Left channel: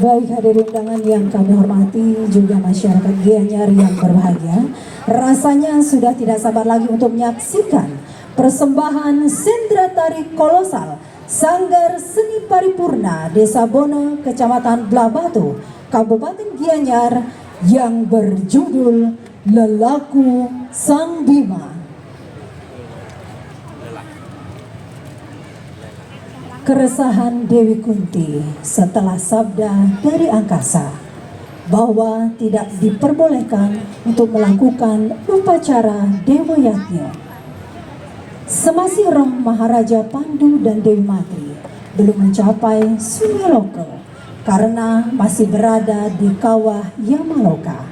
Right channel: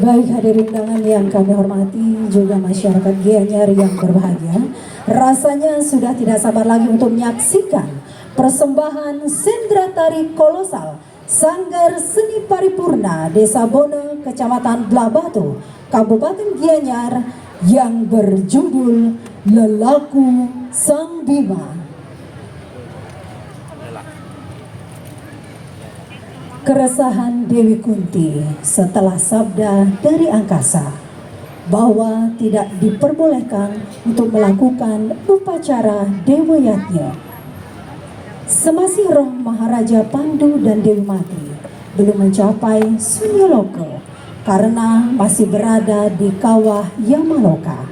Baik hadirin undangan yang kami hormati, juga masyarakat Gianyar yang berbahagia, rasanya sudah tidak sabar lagi untuk menyaksikan persembahan sendera tari kolosal Sanggar Seni Paripurna Desa Bono, Kecamatan Blabatu, Kabupaten Gianyar yang berjudul Lelaku Sang Bima. Keresahan Dewi Kunti setelah sabda dari angkasa bahwa tidak diperbolehkan untuk melakukan upacara Dewa Yatnya. Semasih roh Maharaja Pandu dan Dewi Matri belum mencapai Sunyaloka karena masih berada di kawah Yamaloka.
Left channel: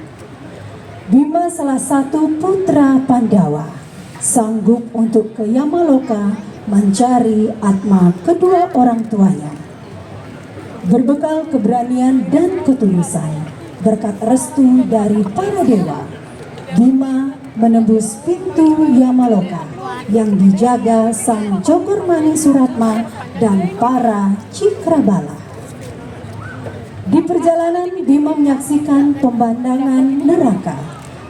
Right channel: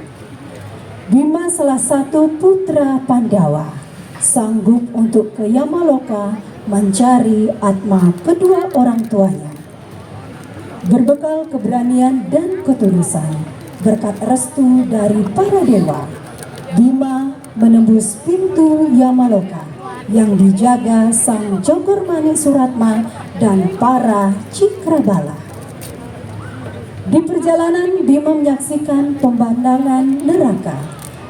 Bima, salah satu putra Pandawa, sanggup untuk ke Yamaloka mencari atma kedua orang tuanya. Berbekal keberanian dan ketulusan, berkat restu dari para dewa, Bima menembus pintu Yamaloka yang dijaga Sang Jogormani Suratma dan para Cikrabala. Di perjalanan Bima menyaksikan pemandangan neraka,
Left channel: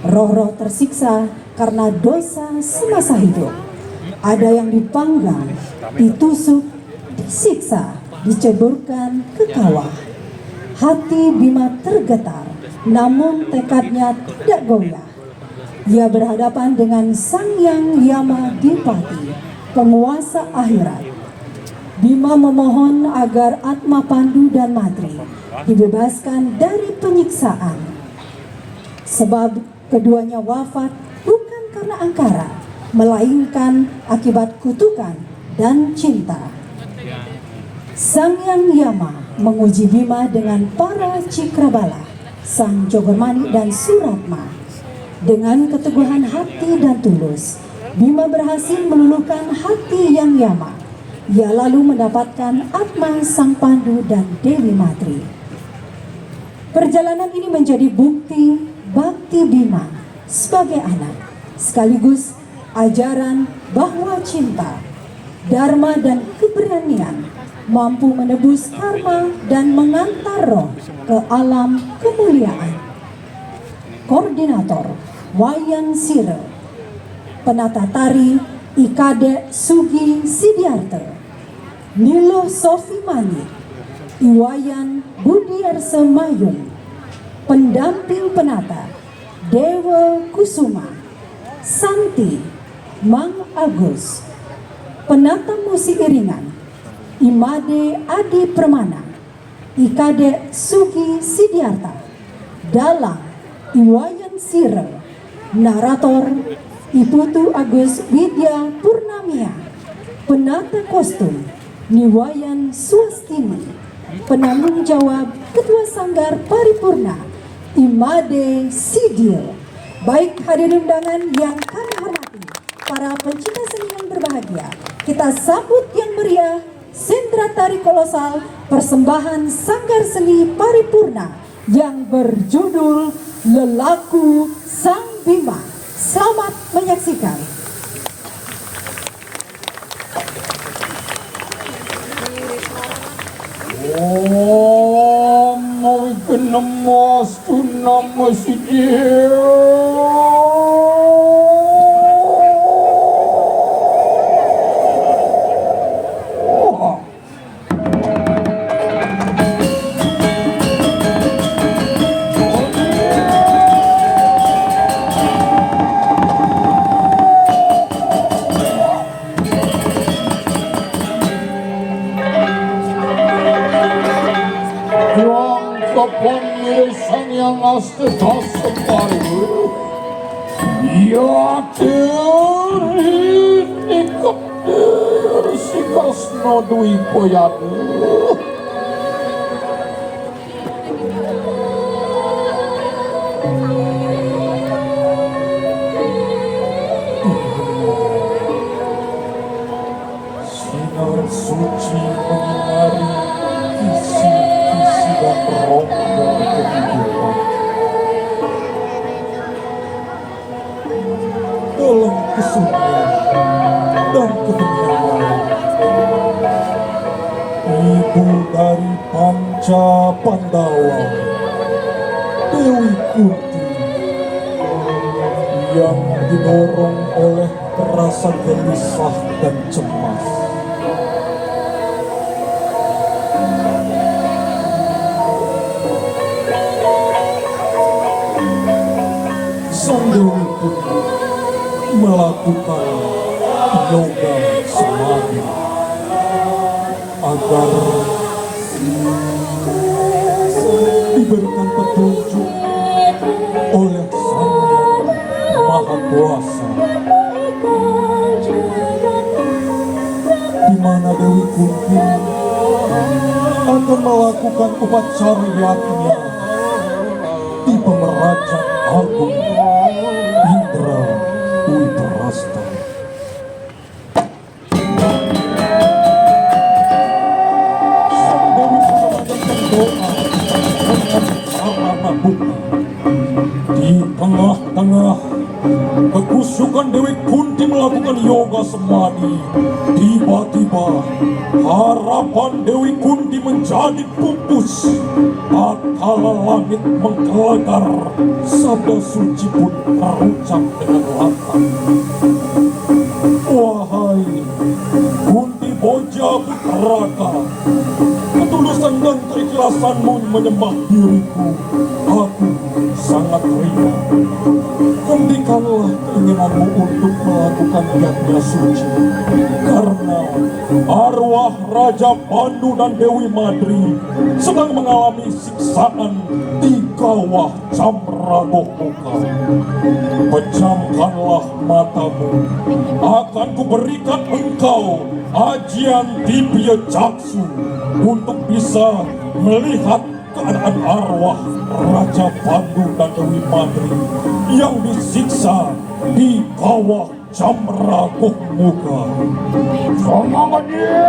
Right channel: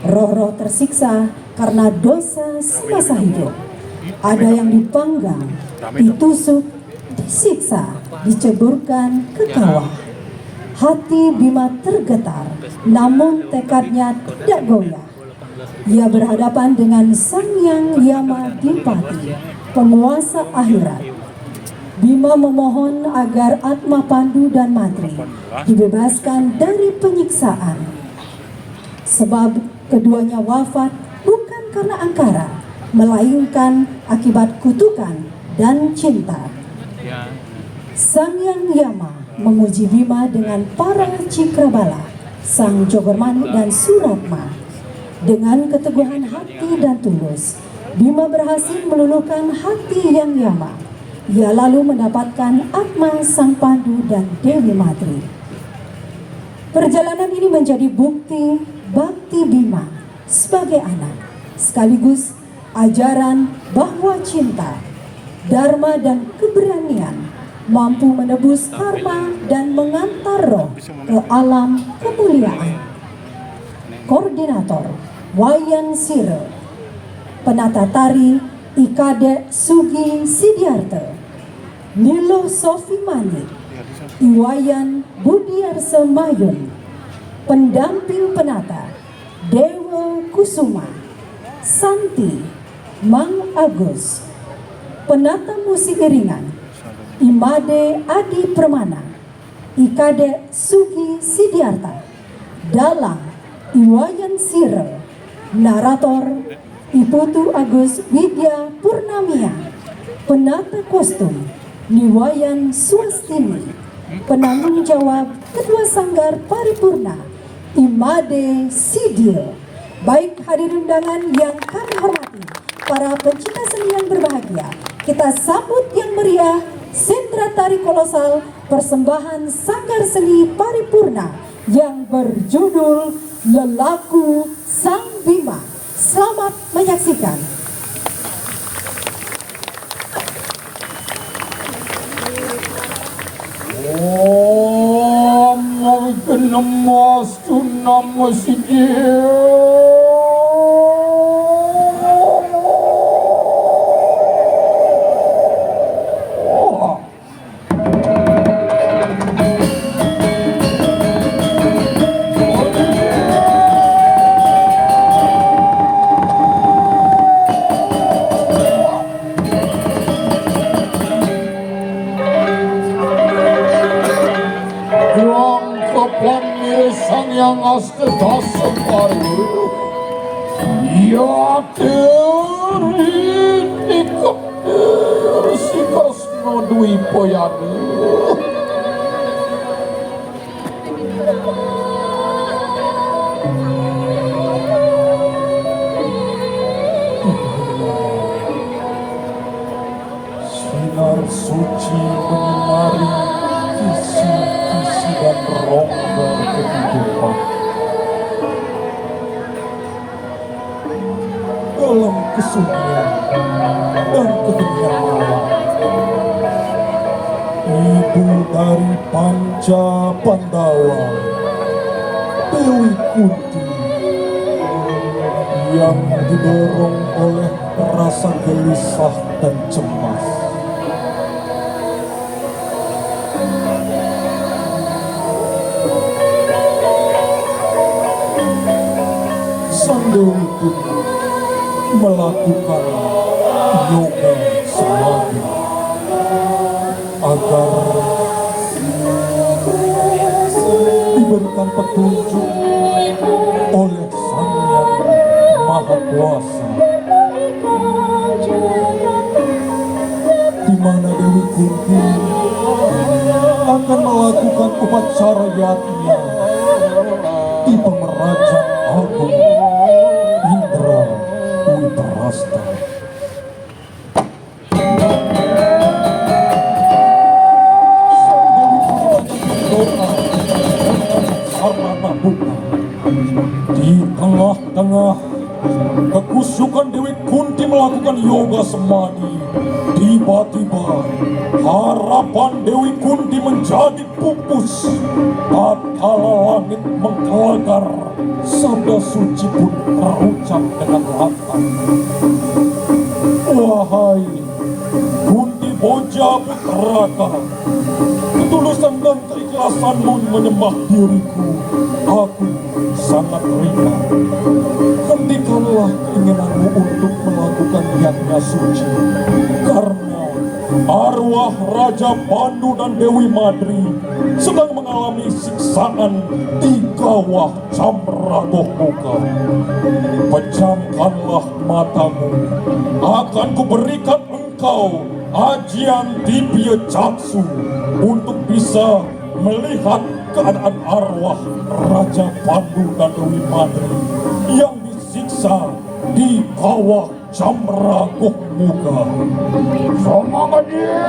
roh-roh tersiksa karena dosa semasa hidup. Ada yang dipanggang, ditusuk, disiksa, diceburkan ke kawah. Hati Bima tergetar, namun tekadnya tidak goyah. Ia berhadapan dengan Sang Hyang Yamadipati, penguasa akhirat. Bima memohon agar atma Pandu dan Matri dibebaskan dari penyiksaan, sebab keduanya wafat bukan karena angkara, melainkan akibat kutukan dan cinta. Sang Hyang Yama menguji Bima dengan para Cikrabala, Sang Jogormani dan Suratma. Dengan keteguhan hati dan tulus, Bima berhasil meluluhkan hati Hyang Yama. Ia lalu mendapatkan atma Sang Pandu dan Dewi Matri. Perjalanan ini menjadi bukti bakti Bima sebagai anak, sekaligus ajaran bahwa cinta, dharma dan keberanian mampu menebus karma dan mengantar roh ke alam kemuliaan. Koordinator Wayan Sire, penata tari Ikade Sugi Sidiarte, Nilo Sofi Manik, Iwayan Budiarse Mayun, pendamping penata Dewa Kusuma, Santi Mang Agus, penata musik iringan Imade Adi Permana, Ikade Sugi Sidiarta, Dalang Iwayan Sire, narator Iputu Agus Widya Purnamia, penata kostum Niwayan Swastini, penanggung jawab Ketua Sanggar Paripurna Imade Sidio. Baik hadirin undangan yang kami hormati, para pencinta seni yang berbahagia, kita sambut yang meriah sendera tari kolosal persembahan Sanggar Seni Paripurna yang berjudul Lelaku Sang Bima. Selamat menyaksikan. Sinar suci menyinari visi-visi dan rongga kehidupan. Dalam kesunyian dan keheningan malam, ibu dari Panca Pandawa Dewi Kunti yang didorong oleh rasa gelisah dan cemas. Sang Dewi Kunti melakukan yoga samadhi agar diberikan petunjuk oleh Sang Yang Maha Kuasa, di mana Dewi Kunti akan melakukan upacara yatnya di Pemerajaan Agung Indra Witarasta. Di tengah-tengah kekusukan Dewi Kunti melakukan yoga samadhi, tiba-tiba harapan Dewi Kunti menjadi pupus. Tatkala langit menggelegar, sabda suci pun terucap dengan lantang. Wahai Kunti Boja Putraka, ketulusan dan keikhlasanmu menyembah diriku, aku sangat ringan. Hentikanlah keinginanmu untuk melakukan yatnya suci, karena arwah Raja Pandu dan Dewi Madri sedang mengalami siksaan di kawah Camragohmuka. Pejamkanlah matamu, akan kuberikan engkau ajian Dibya Caksu untuk bisa melihat keadaan arwah Raja Pandu dan Dewi Madri yang disiksa di kawah Camragohmuka. Semangat dia!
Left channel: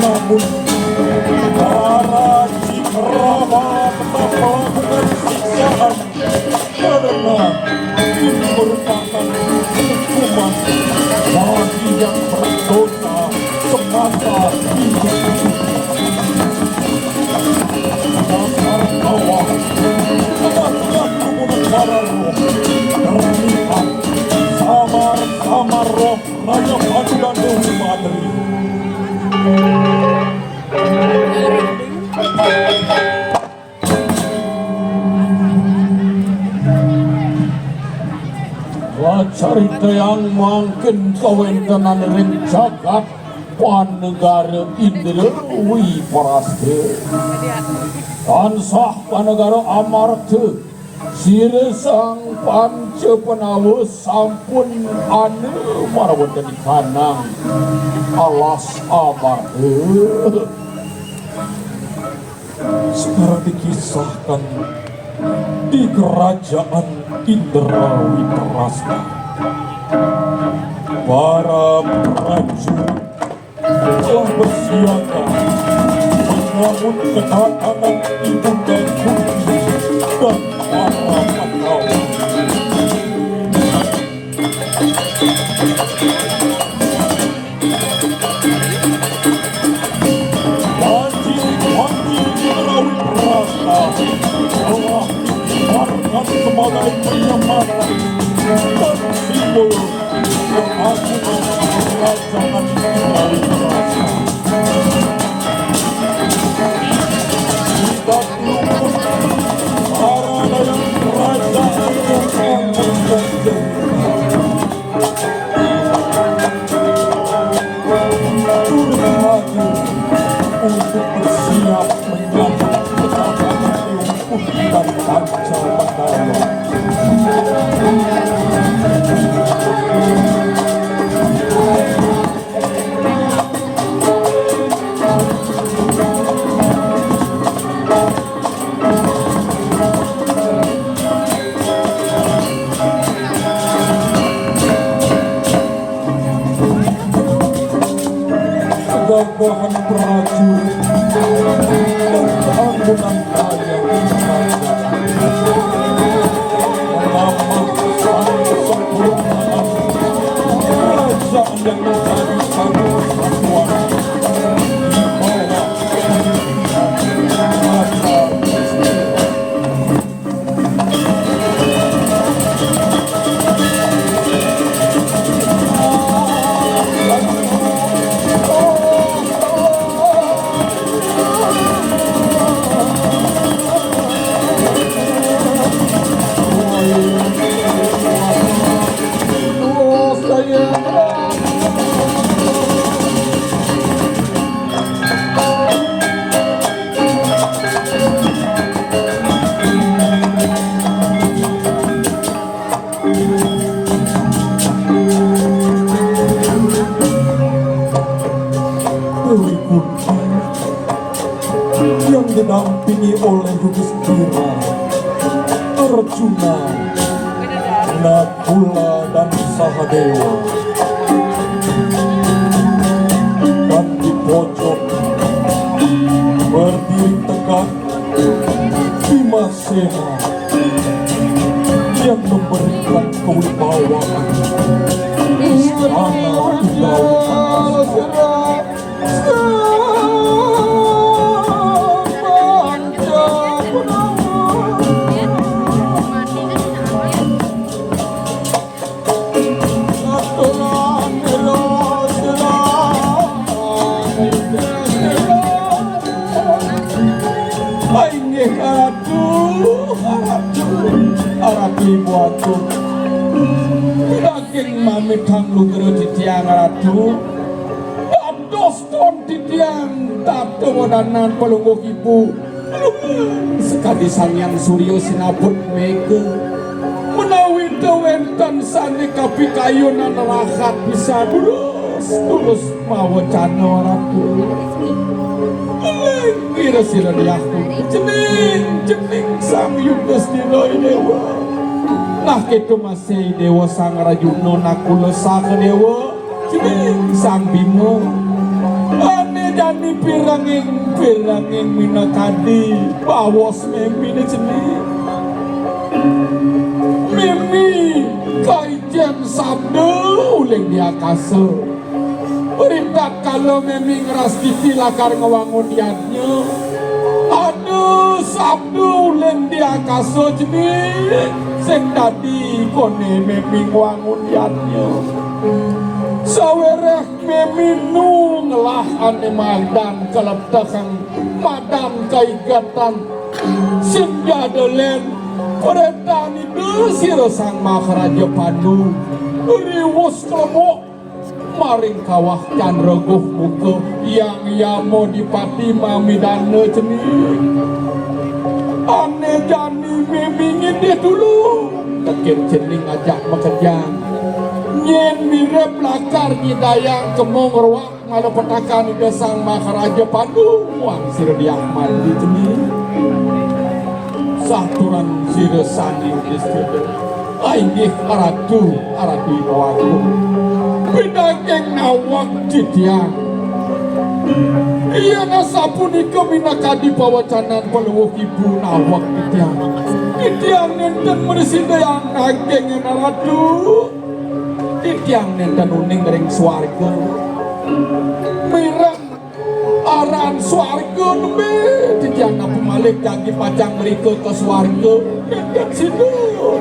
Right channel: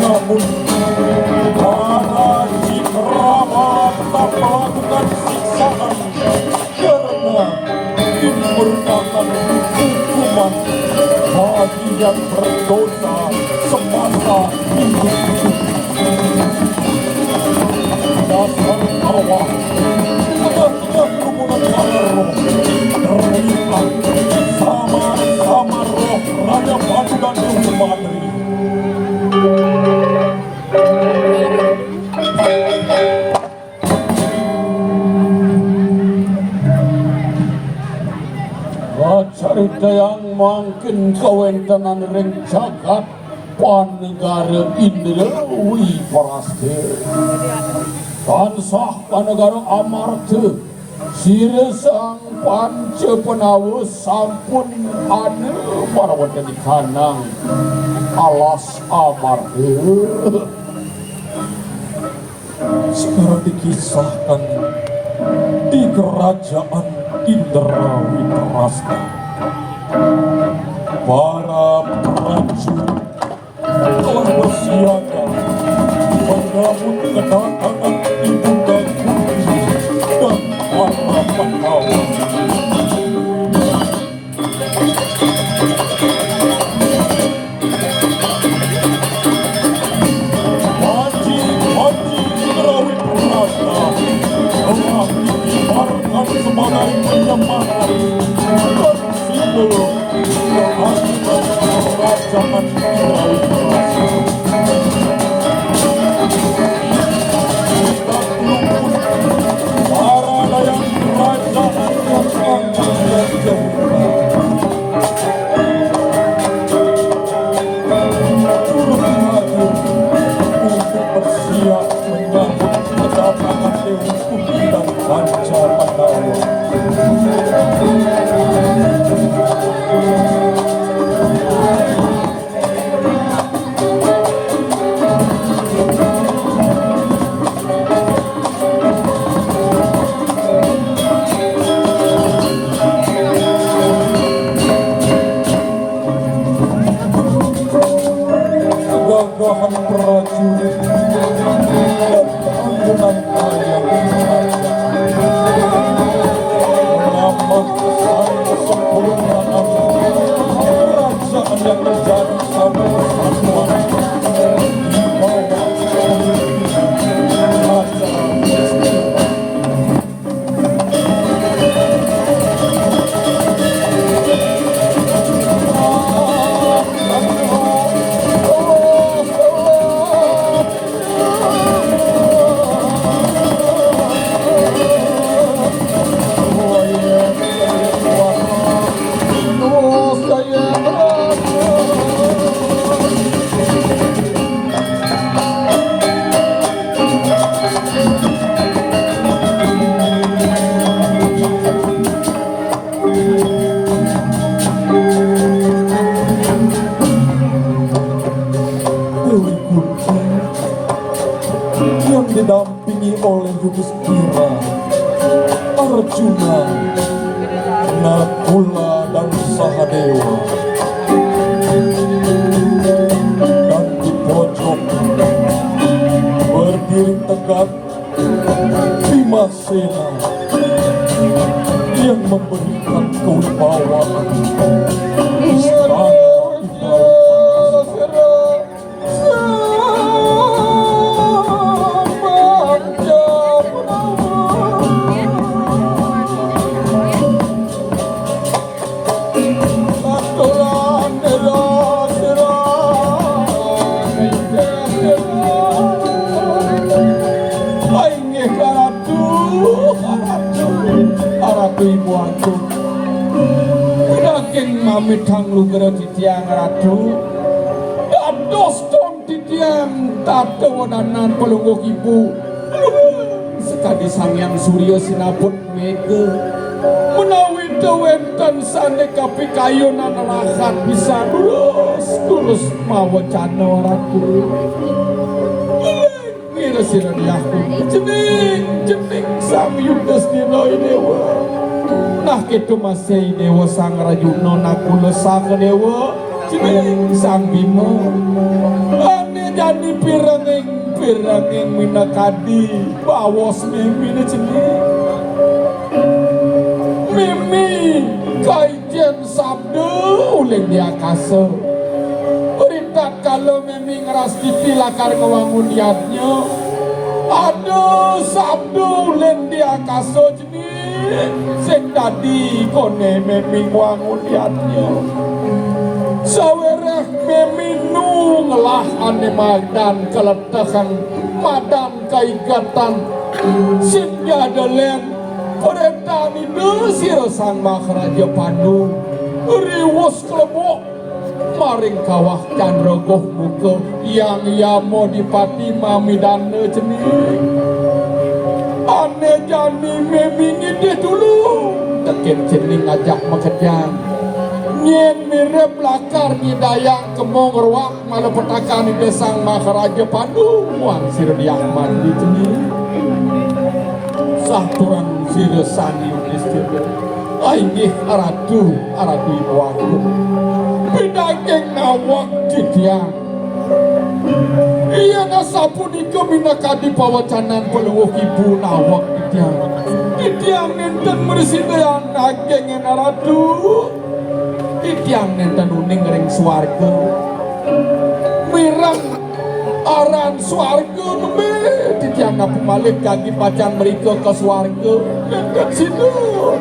Namun para Cikrama tak melakukan siksaan karena ini merupakan hukuman bagi yang berdosa semasa hidup. Dasar kawah telah menggunakan terlihat sama-sama roh Raja Pandu dan Dewi Madri. Carita yang mangkin kawentenan ring jagat panegara Indra Wiparasta tansah panegara Amarta siresang panca penawa sampun anu marawatan di kanang alas Amarta. Sekarang dikisahkan di kerajaan Indra Witarasta, para prajurit telah bersiaga menyambut kedatangan Ibunda Kunti dan para Pandawa. Haji Indra Witarasta telah dikibarkan sebagai penyembahan sempurna kerajaan yang menjadi satu kesatuan yang didampingi oleh Yudhistira, Arjuna, Nakula dan Sahadewa. Dan di pojok berdiri tegak Bhimasena yang memberikan kewibawaan istana di laut. Ibu aku daging mami tanglu gero titiang ratu ados ton titiang tato wadanan pelunggu ibu sekali sangyan surya sinaput mega menawi dewenten sane kapi kayunan rahat bisa terus mau cano ratu kira sila diaku jening sang Yudhistira dewa. Nah kita masih dewa sang Rajuna Nakula sang dewa jening sang Bima ane jani piranging minakadi bawas mimi jening mimi kaijen sabda uleng di akasa perintah kalau mimi ngeras titi lakar ngewangun yadnya ada sabda uleng di akasa jening sing tadi kone mimi ngewangun yadnya sawereh mimi nunglah ane madan keletakan madan kaikatan sing jadelen perintah ni desir sang Maharaja Pandu riwus kelemuk maring kawah candrogoh muka yang yamo dipati mamidana jening ane jani memini dia dulu tekin jening ajak makejam nyen mirip lakar hidayang kemong ruak malu petakan di desang Maharaja Pandu wang sirdiak mandi jening saturan sirasani Yudhistira ainggih aratu ibu aku pinageng nawak jitiang iya nasapunika minakadi pawacanan pelungguh ibu nawak jitiang nenten mersidayang nageng aratu jitiang nenten uning ring swarga mirang aran swarga nembe titiang napu malik kaki pacang mereka ke swarga dan situ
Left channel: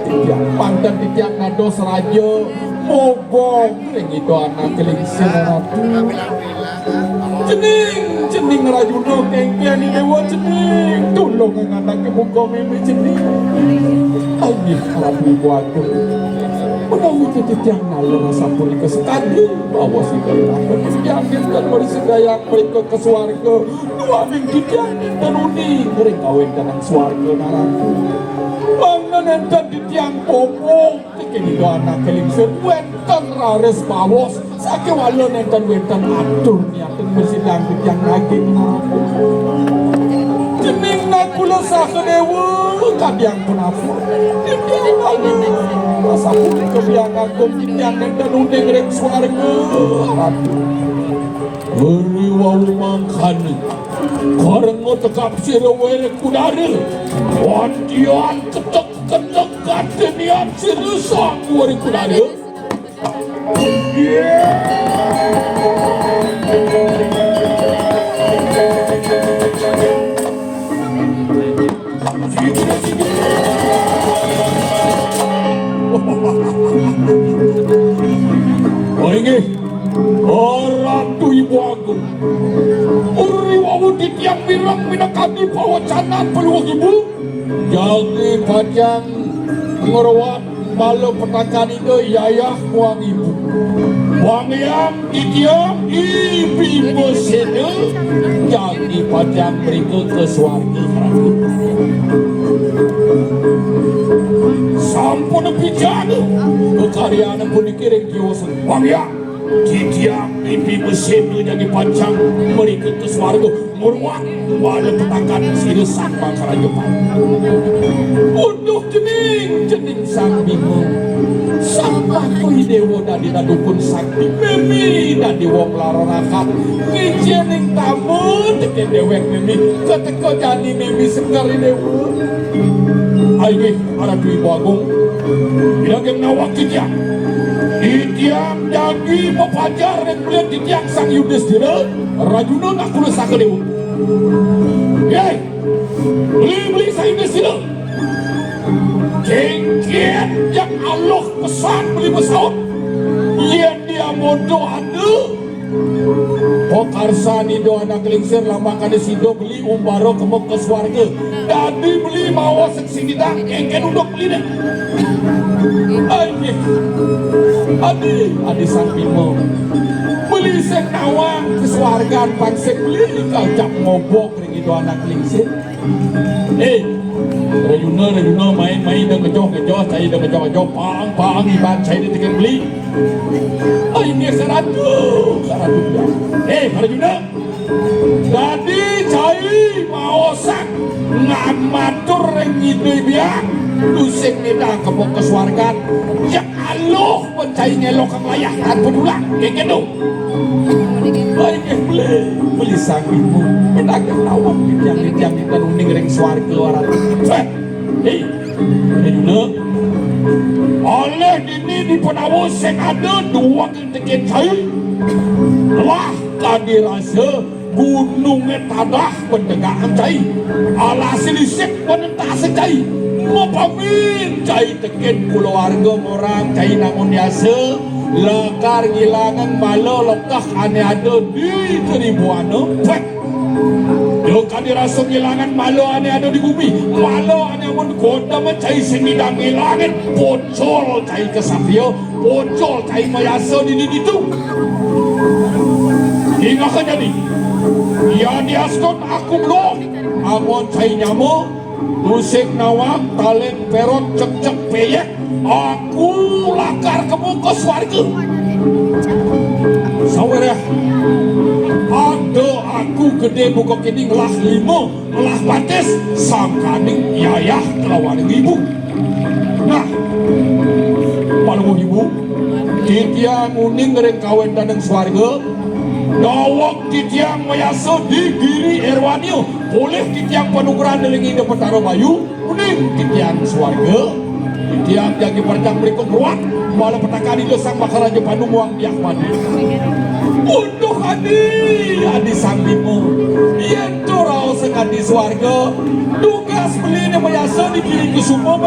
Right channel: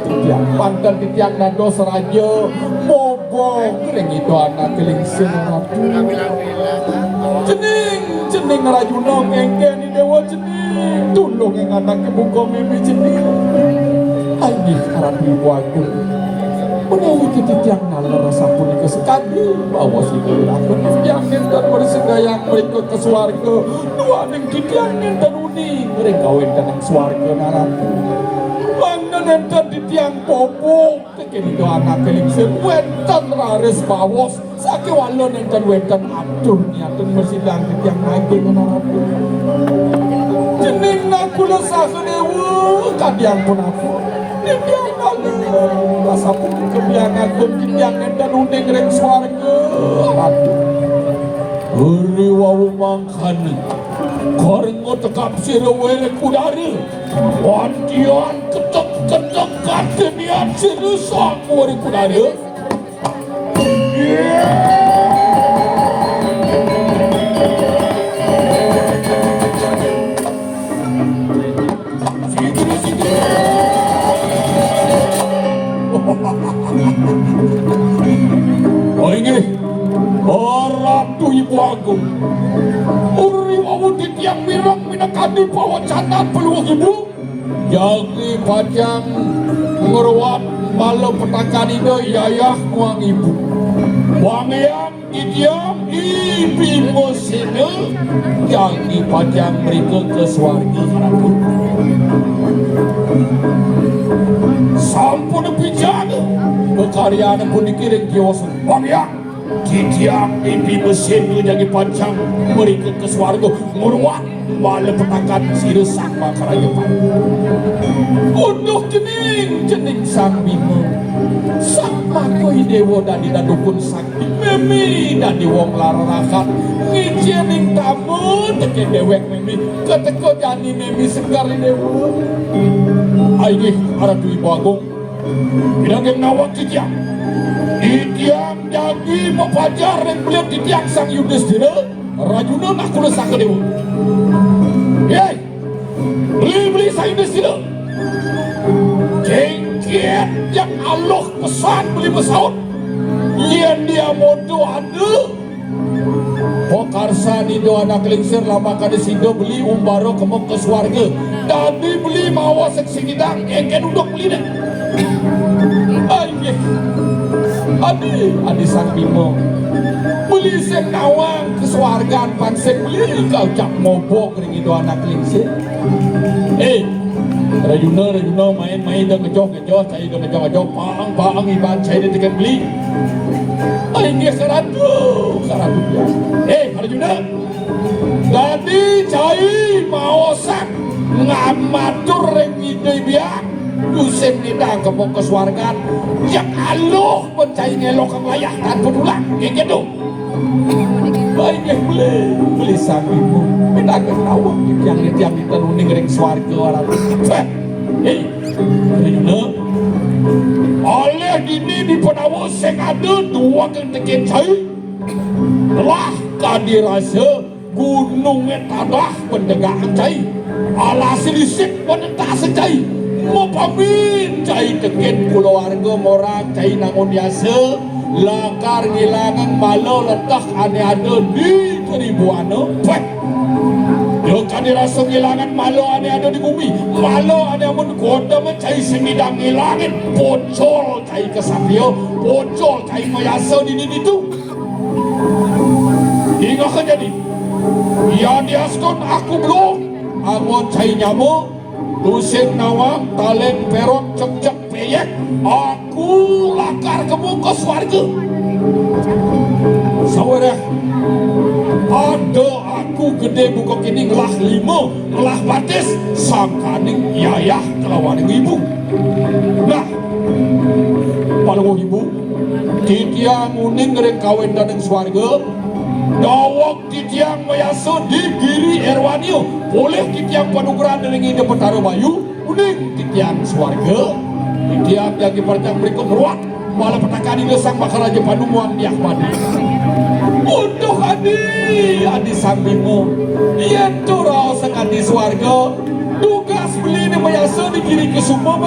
titiang pantan titiang nados raja mobong ring itu anak kelingsing ratu jening Rajuna kengkeni dewa jening tulung yang anak kebuka mimi jening ini harap ibu aku menawi titiang nalar rasa pun kesekadi bahwa si aku titiang dan bersedayang mereka ke swarga doaning titiang dan uni mereka kawin dengan swarga naratu bangga nenten titiang popo kekini doa anak kelingsir wenten raris bawas sakit walau nenten wenten atur niatun bersidang titiang naging naratu jening nakula sahadewa kadiang pun aku titiang naging rasa pun kebiang agung titiang nenten uni ngereng swarga ratu uli wawu mangkani koreng mo tekap siro wene kudari wantian ketek niat serusak murid ada. Oh ini Ratu Ibu Agung Uri wawudit yang mirang minakani pawacanan peluang ibu Jagi pajang ngeruat malam petakan ini yayah muang ibu Wang yang didiam ibi mesene Jagi pajang mereka ke swarga Ratu Sampun bijana kekaryaan pun dikirim kiwasan Wang yang didiam ibi mesene Jagi pajang mereka ke swarga Ngeruat malam petakan sini sakra kerajaan Uduh jening sang bimo sang lakoi dewa dan dukun sakti memi dan wong laranakat ngijening tamu teke dewek memi keteko jadi memi sekali dewa aini arah Ibu Agung bilang nawak kijang didiam jadi mepajar yang melihat didiam sang Yudhistira rajuna nak kulesa ke dewa yai beli sang Yudhistira Kengkian yang Allah pesan beli pesawat yang dia modo ada Pokarsa nido anak lingsir lama kali sido beli umbaro kemok ke swarga Dadi beli mawa seksi kita kengkian udah beli deh Adi sang bimo beli sek nawang ke swarga pangsek beli kajak ngobok ring itu anak lingsir Rajuna main dong kejoh cai dong kejoh pang iban cai dia tiga beli ini seratu ya Rajuna jadi cai mau sak ngamatur rengidu biak lusik nida kebok keswargan yang aluh pencai ngelok layah dan berulang kayak gitu baik yang beli sang ibu kita ketawa yang kita uning ring swarga orang Rajuna oleh gini di penawus yang ada dua kenteket cai lah kadirasa gunungnya tadah pendegakan cai alhasil isip penentah secai mau pamin cai teket keluarga orang cai nangun biasa lakar ngilangan malu letak ane ada di Tribuana Yo kadirasa ngilangan malu ane ada di bumi malu ane amun koda mencai sengidang ngilangan bocol cai kesapio bocol cai mayasa di itu hingga kejadi ya diaskon aku belum amun cai nyamuk tusik nawang talent perot cek peyek aku lakar kemuka swarga sawereh ada aku gede buka kini ngelah limo ngelah batis sangkaning yayah kelawan ibu nah paling ibu titiang uning ngering kawin dan swarga Dawak titiang mayasa di giri Erwanio boleh titiang panugeran dari ide petara bayu uning titiang swarga titiang jagi percang berikut ruat malah petakan ide sang bakal aja panu muang diak madi untuk adi sambimu iya curau sang adi swarga tugas beli ini mayasa di giri kesuma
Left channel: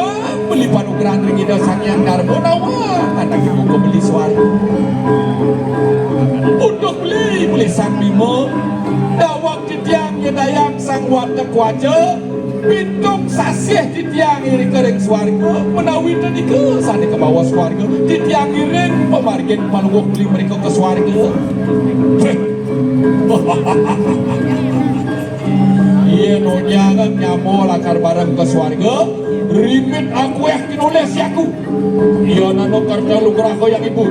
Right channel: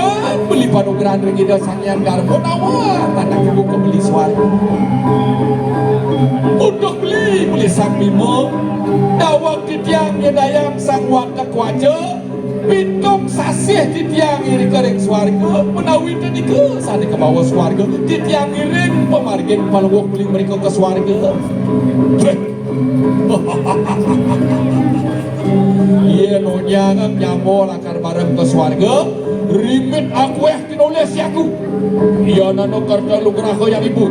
beli panugeran dari ide sang yang darbo nawar tanda ibu kebeli swarga untuk beli sang bimo dawang titiang nyedayang sang watak waja pitung sasih titiang iri kering swarga menawi tadi ke sana ke bawah swarga titiang iri pemargen palwok beli mereka ke swarga iya nunya kan nyamo lakar bareng ke swarga rimit aku kinulis aku iya nono kerja lugraho yang ibu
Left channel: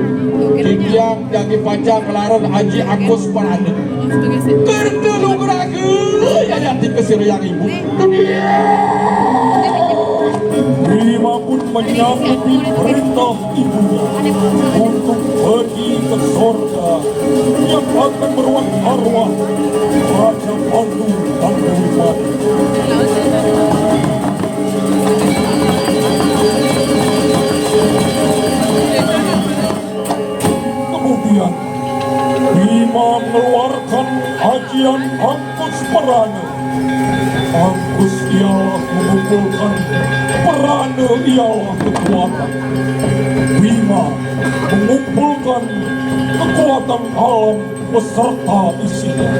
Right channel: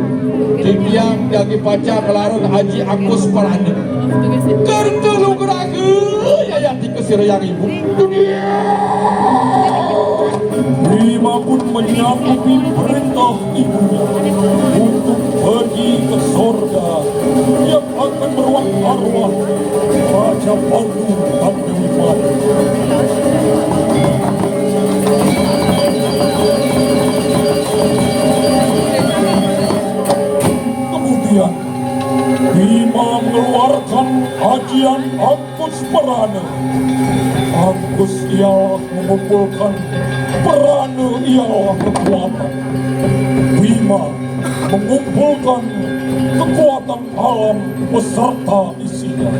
titiang jagi paca kelarong haji aku separane kerja lugraho ya dikesir yang ibu Rima pun menyanggupi perintah ibunya untuk pergi ke surga yang akan meruat arwah Raja Pandu Pandu Ajian Angkus Merana. Angkus ialah mengumpulkan Merana ialah kekuatan. Bima mengumpulkan kekuatan alam beserta isinya.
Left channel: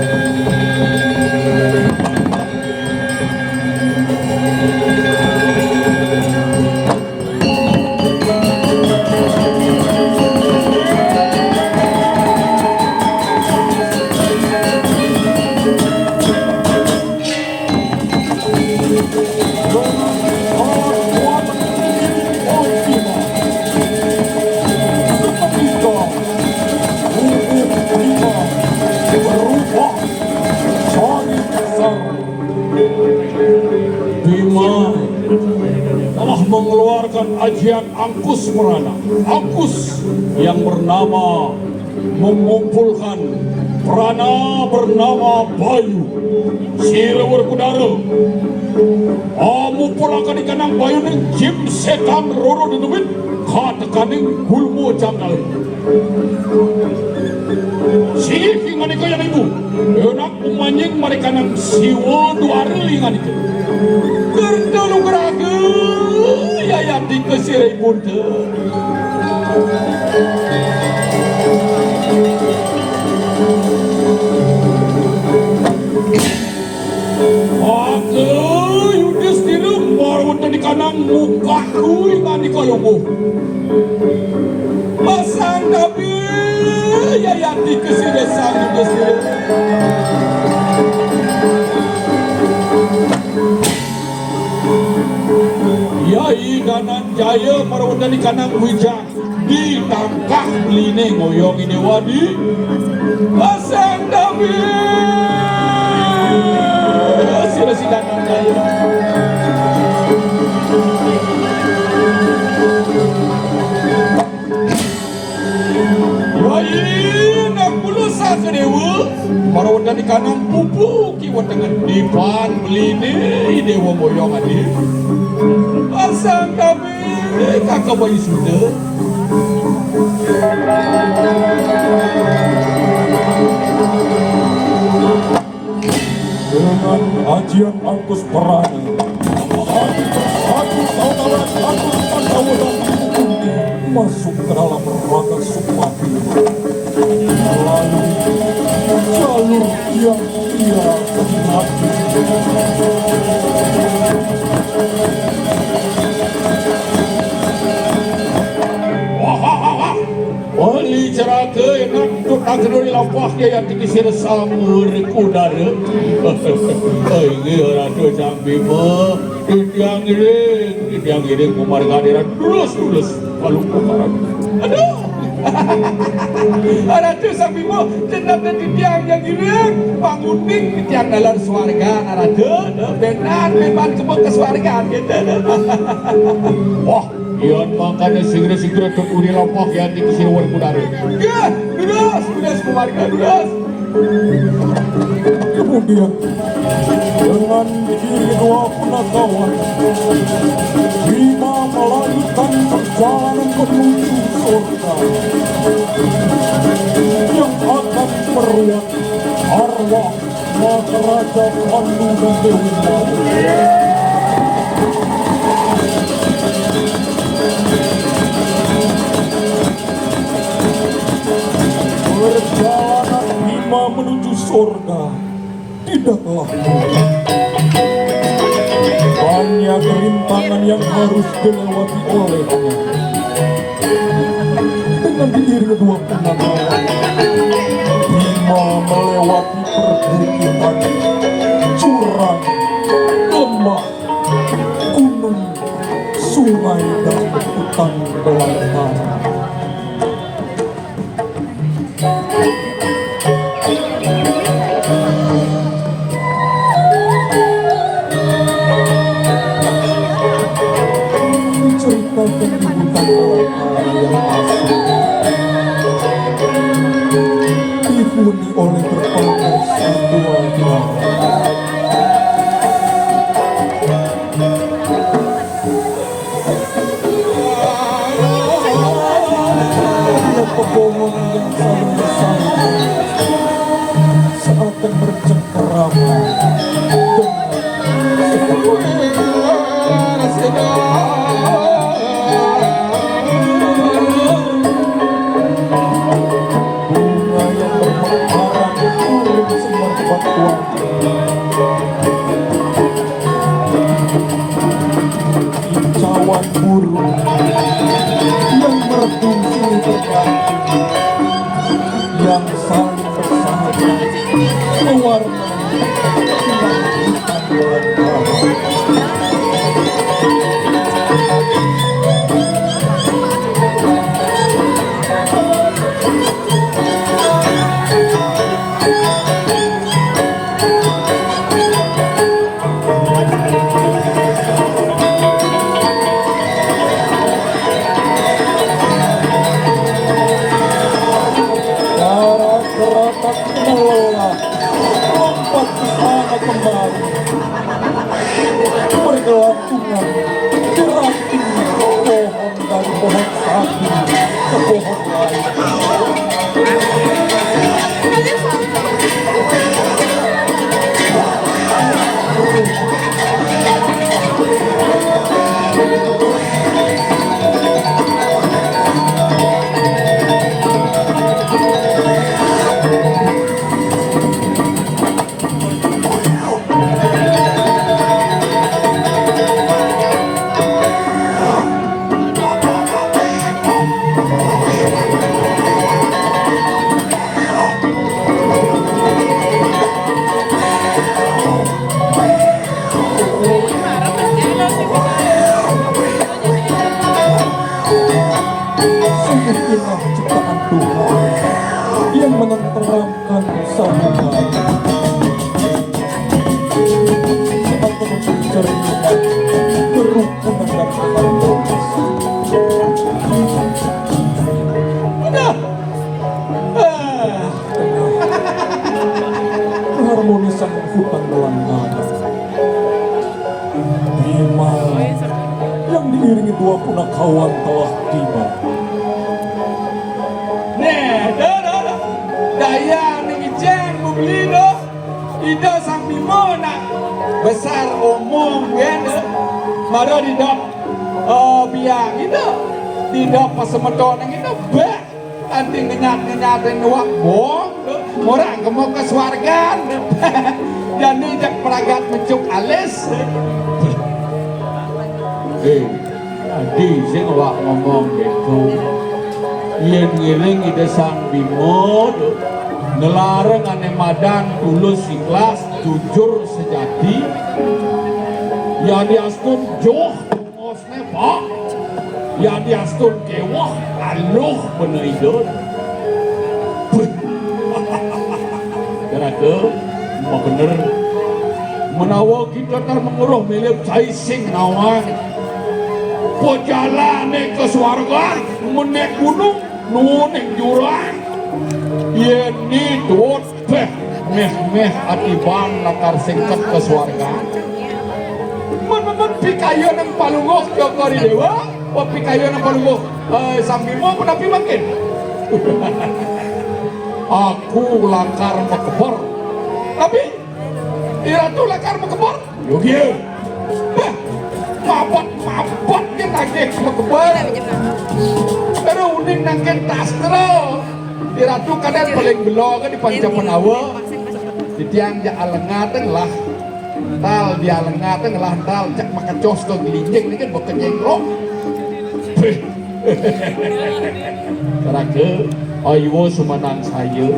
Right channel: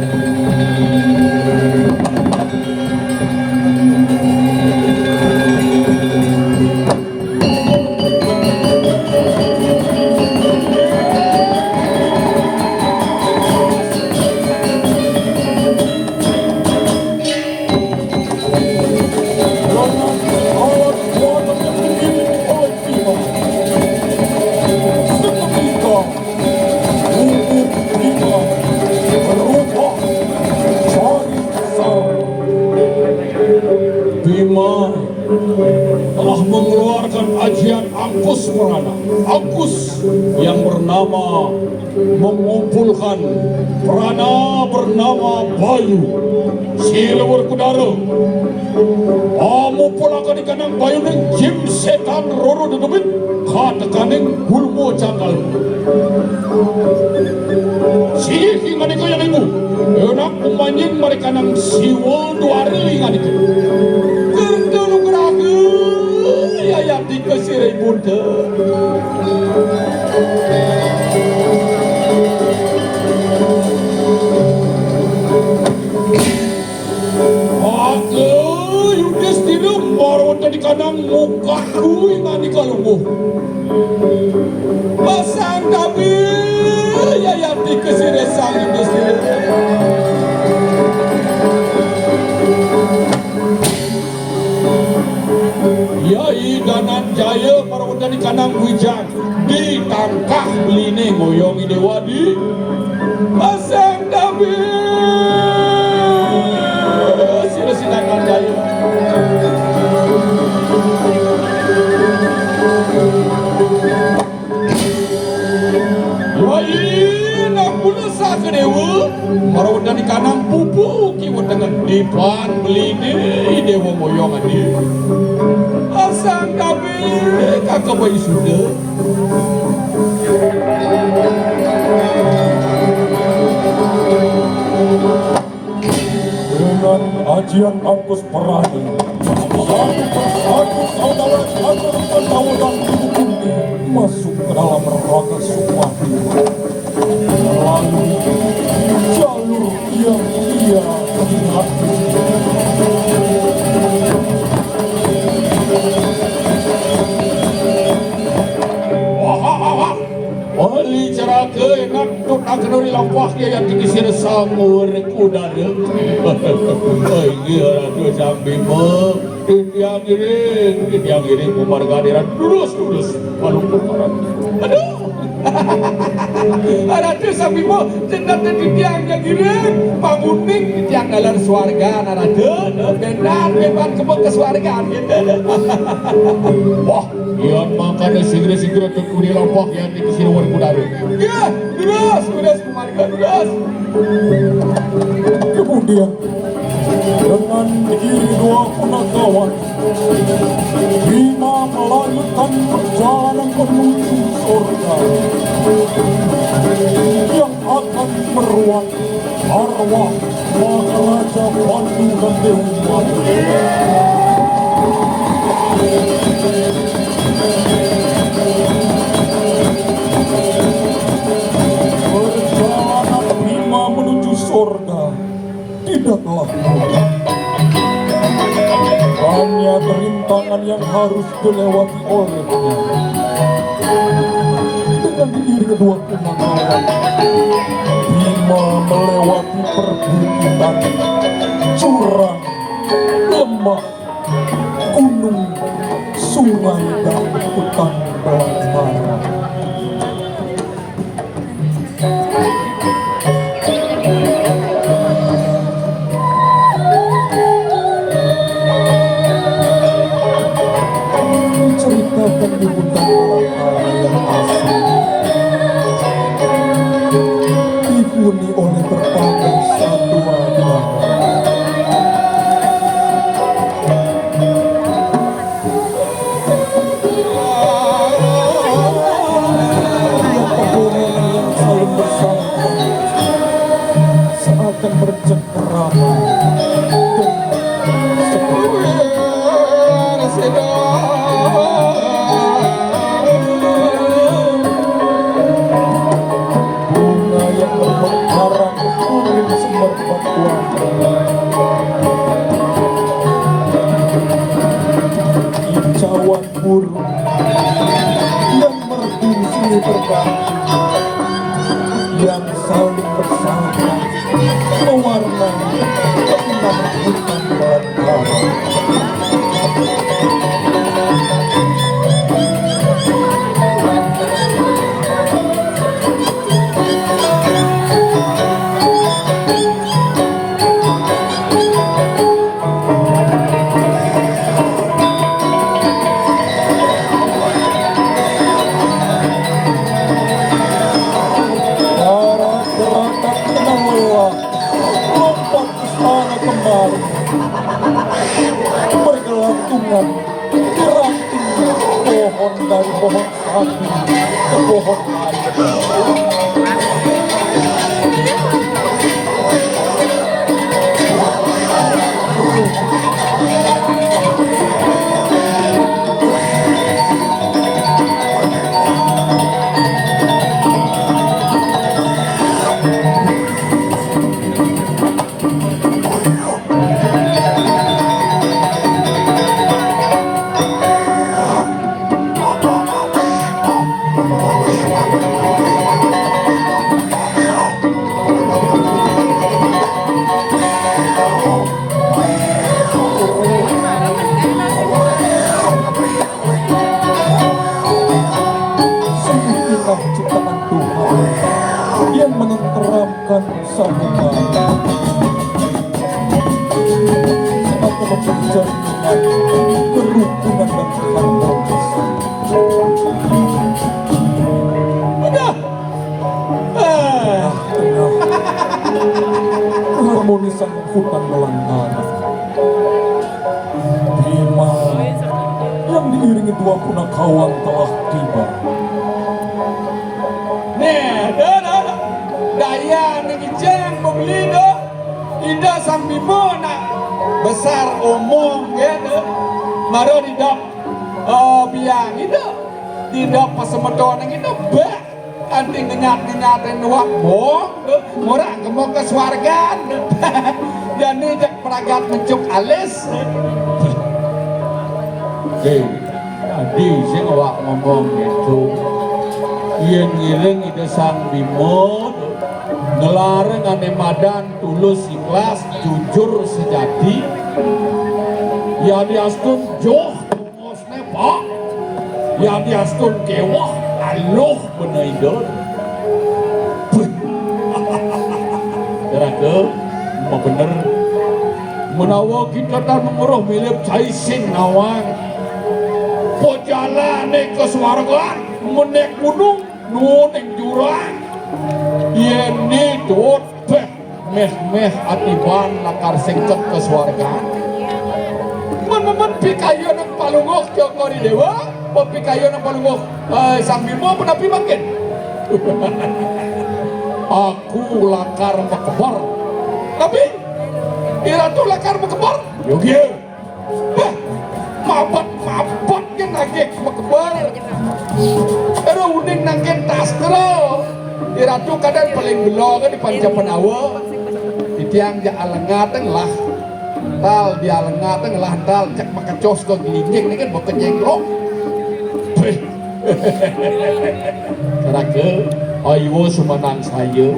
Bima telah mengeluarkan ajian Angkus Merana. Angkus yang bernama mengumpulkan prana bernama Bayu. Sila berkudara. Mengumpulkan di kanang Bayu dan jim setan roro dedubit. Katekaning gulmo jangal. Sini hingga ni kaya ibu. Enak memanjing mereka nang siwa dua hari ngani ke. Kendulu geraga ya yang dikesirai bunda. Aku Yudhistira baru di kanang muka kui ngani kalunggu. Pasang kami ya yang dikesirai sang Yudhistira. Yai Ganan Jaya merupakan di kanang hujan ditangkah beline ngoyong ini wadi pasang dami sila-sila Ganan Jaya Yai nak pula sakedewa merupakan di kanang pupu kiwat dengan dipan beline dewa ngoyong ini pasang kami kakak bayi sudah dengan ajian Angkus Merana satu saudara satu pendawalan kundi masuk ke dalam raga Supati melalui jalur yang ia kenali. Wali ceraka nak tukang lampah yang dikisir samur udara. Ini rada samping mah. Tiang giring kumargadiran dulus lalu kumaran. Aduh. Rada samping mah cendak tiang yang giring banguning di tiang dalam swarga rada benar memang ke swarga. Wah. Yang makan segera-segera tukuri lampah yang dikisir wali udara. Ya, beras keluarga beras. Kemudian dengan diri kedua punakawan Bima melanjutkan perjalanan menuju surga yang akan meruat arwah Maharaja Pandu dan Dewi Madu. Perjalanan Bima menuju surga tidaklah mudah. Banyak rintangan yang harus dilewati olehnya. Dengan diri kedua punakawan, Bima melewati perbukitan, jurang, lembah, gunung, sungai dan hutan belantara. Ceritakan di hutan belantara yang asli, dihuni oleh berbagai satwa-satwa. Pepohonan yang saling bersama seakan berjengkel yang saling bersahabat mewarnai kelanjutan belantara. Para beratap lelah lompat ke sana kemari bergelantungan berantingnya pohon dari pohon satu ke pohon lain. Sungguh indah ciptaan Tuhan yang menenteramkan sama mata. Seakan mencerminkan kerukunan dan keharmonisan. Udah. Keharmonisan hutan belantara. Bima yang diiringi dua punakawan telah tiba. Daya ningijang membeli do ida sang bimo nak besar umur gitu maro didok biang itu didok pasemeton itu bah anting ngenyat-ngenyatin wak bong murah kemok ke swargan jadi jak peragat mencuk alis Tadi saya ngomong gitu. Yen ngiring ide sang bimo ngelarang ane madan tulus ikhlas jujur sejati ya diastun joh ngosne pak ya diastun kewah aluh benaide karena mau bener menawa kita tak nomoroh milih cai sing awang pojalane ke swarga menek gunung nuning jurang ini dot meh atibang nakar singkat ke swarga menemen pikayo ng palungok jokari dewa o pikayo ng palungok sang bimo menapi makin aku lakar makebor tapi iratu lakar makebor yogi papat kan nagek makebor pero uding nangken tastro iratu kadang paling belo kan di Pancapenawa di tiang ja alengaten lah tal di alengaten lah tal cak makacos ke gelinjing ini kan boten jenglok karake ayo semanang saya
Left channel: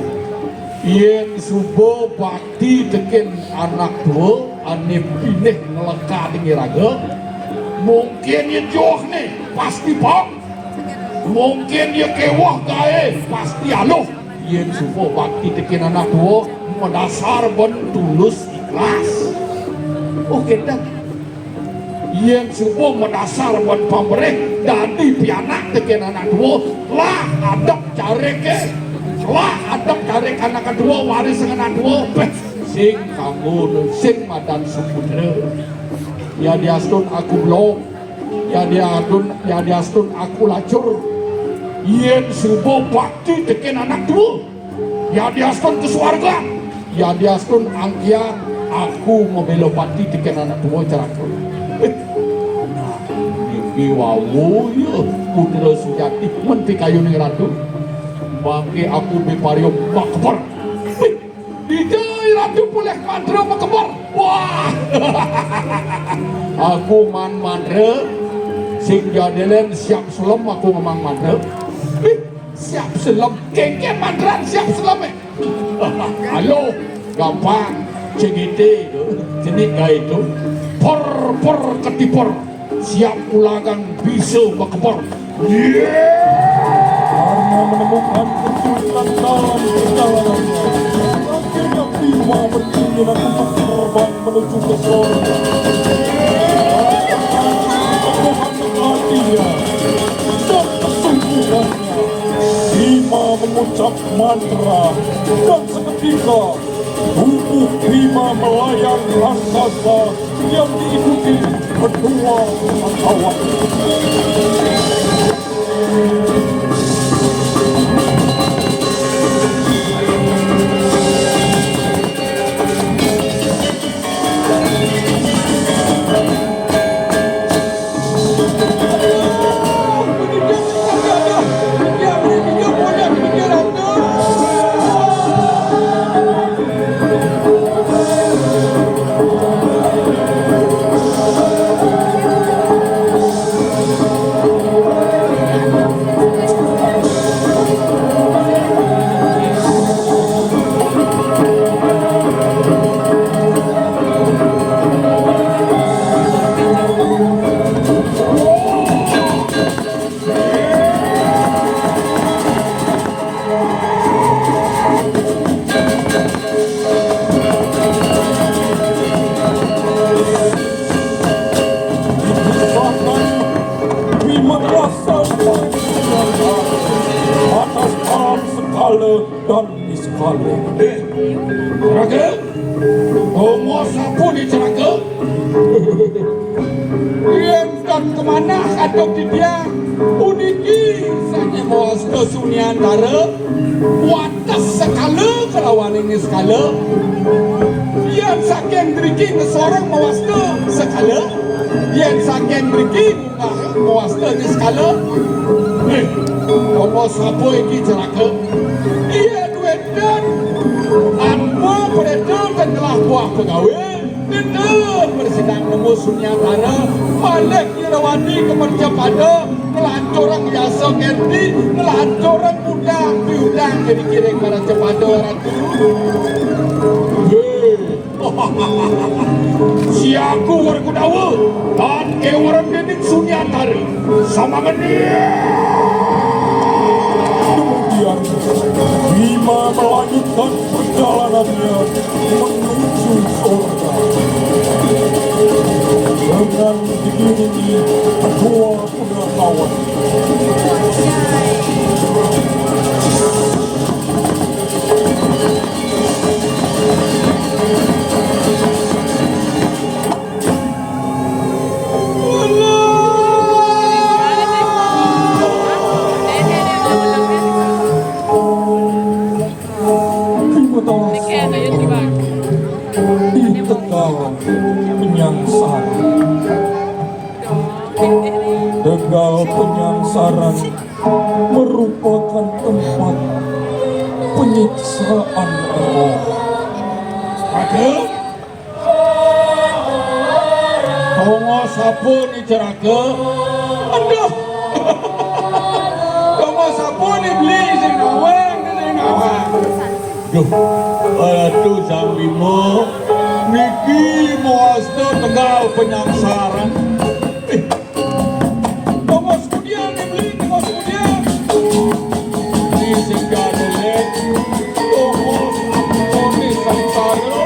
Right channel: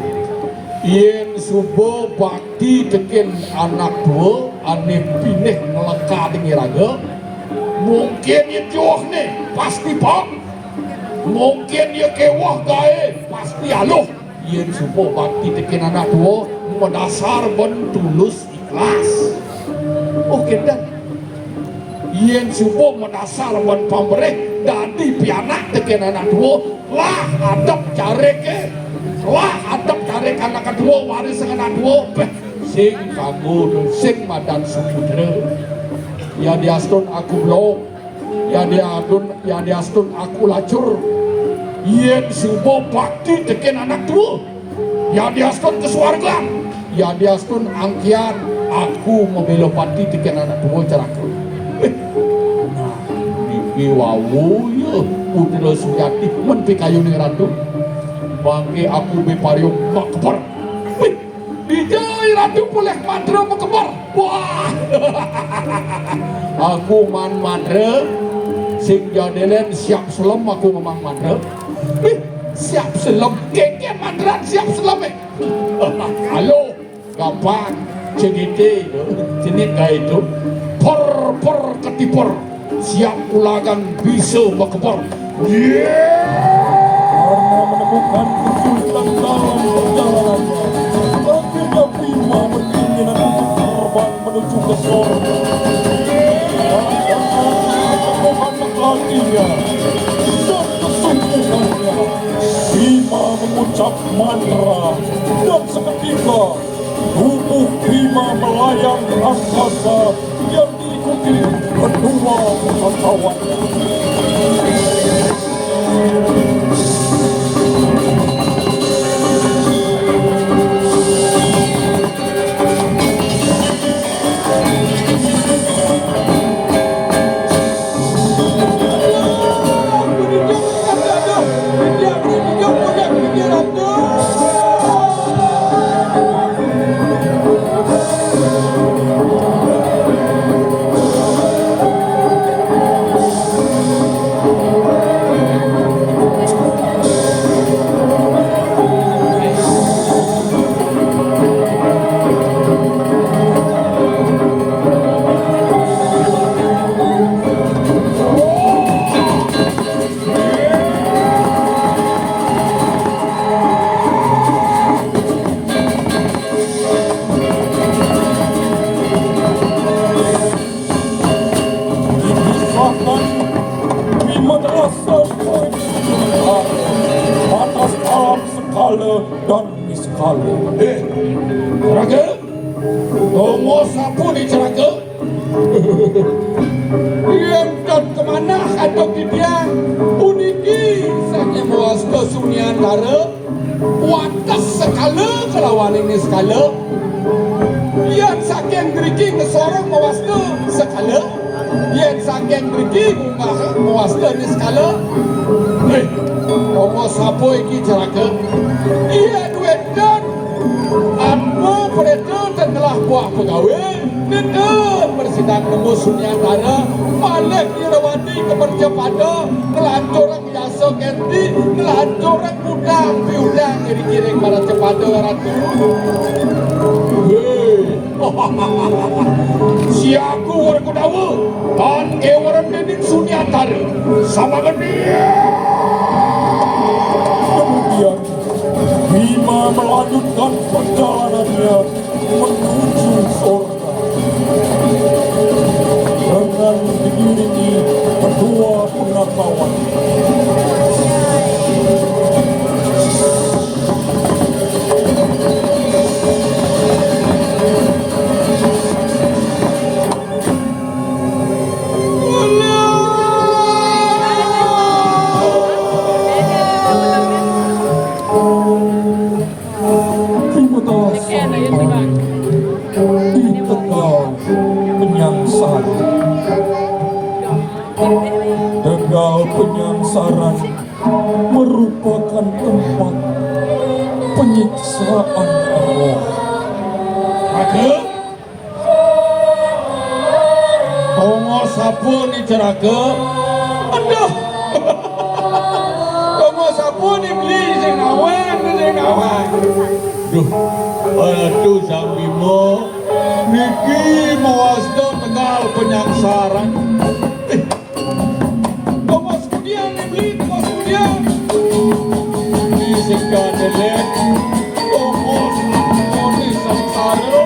yen subo bakti teken anak tua ane pinih ngelengka ngiraga mungkin ya joh nih pasti pak mungkin ya kewah gae pasti aluh yen supo bakti teken anak tua dasar bon tulus ikhlas oke dah yen supo mendasar bon pamrih dadi pianak teken anak tua lah adep careke lah adep carek anak kedua waris anak dua sing kamu sing madan suputra ya diastun aku blok ya diastun aku lacur yen subo bakti teken anak dua ya diastun ke swarga ya diastun angkian aku mau belopati teken anak dua caraku di wawu ya putra sujati men pikayu ning ratu bangke aku biparium makbar dijai ratu boleh mandra makbar wah aku man mandra sing jadelen siap selem aku memang mandra siap selam, kengke mandran siap selam. Halo, gampang, cegite, jenis itu, por ketipor, siap ulangan bisa bakpor. Karena menemukan perjalanan, akhirnya Bima berkeinginan untuk terbang menuju ke surga. Latihan dan kesungguhannya, Bima mengucap mantra dan seketika tubuh Bima melayang raksasa yang diikuti kedua kawan-kawan. Dan miskale. Raga, mau sapu di Ceraga? Yang dan kemana atau dia uniki sang emas kesunyantara watas sekala kelawan ini sekala yang saking beriki kesorong mewasta sekala yang saking beriki mewasta ini sekala mau sapu iki Ceraga? Ia duit dan anu beredar dan telah buah pegawai dan bersidang nemu sunyantara Malik Irawani keperjapada melancorang biasa ganti melancorang udang diundang jadi kiring pada cepada ratu. Si aku warga dawa dan kewaran dedik sunyantara sama gede. Kemudian Bima melanjutkan perjalanannya menuju surga dengan diiringi kedua pengetahuan. Di Tegal Penyangsara. Tegal Penyangsara merupakan tempat penyiksaan roh. Raga, Tongo sapu ni Ceraga? Aduh, Tongo sapu ni beli sing awang ni sing awang. Duh, aduh sang Bima, niki mewasta Tegal Penyangsara. Tongo sekian ni beli, Tongo sekian. Ni singkat nenek, Tongo ni sangsara.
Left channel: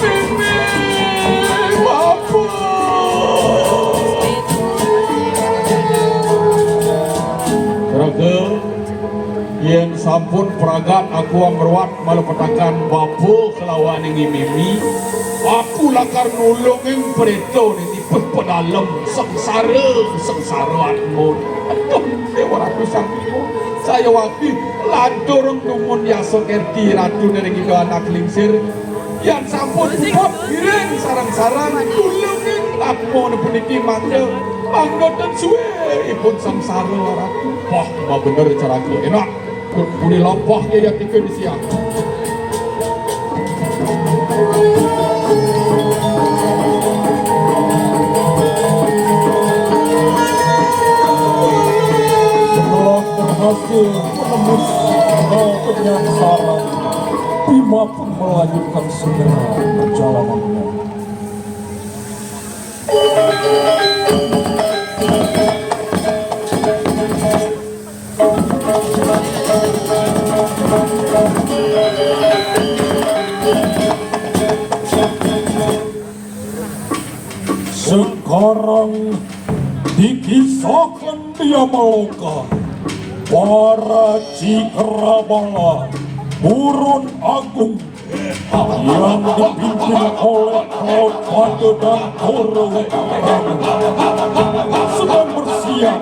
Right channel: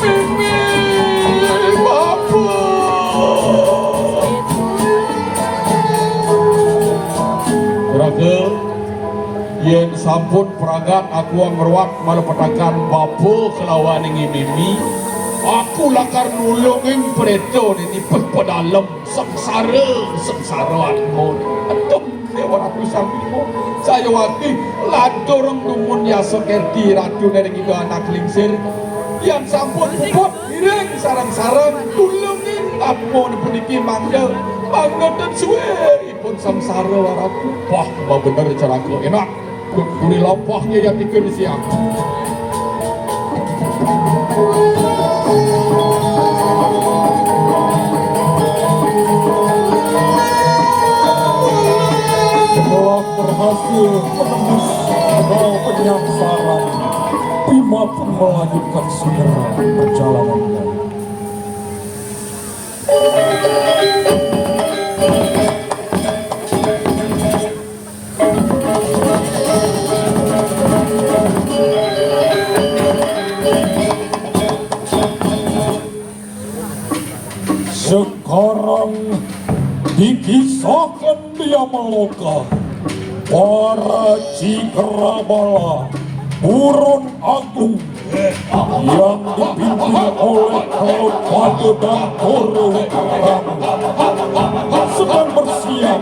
Mimi, bapu. Raga, yang sampun peragat aku meruat malapetakan bapu kelawan ingi mimi aku lakar nulung yang preto ini pedalam sengsara aku aduh dewa ratu sampimu saya waktu lantorong kumun yasok erti ratu dari kita anak lingsir yang sampun pupuk kirim sarang-sarang tulung yang aku menipiki mangga dan suwe ipun sengsara ratu wah bener cara aku enak kuni lompahnya yang tiga siap. Setelah berhasil menembus kanal penyansaran. Bima pun melanjutkan segera perjalanannya. Sekarang dikisahkan dia Maloka, para Cikrabala, Burun Agung yang dipimpin oleh Kalpade dan Koro sedang bersiap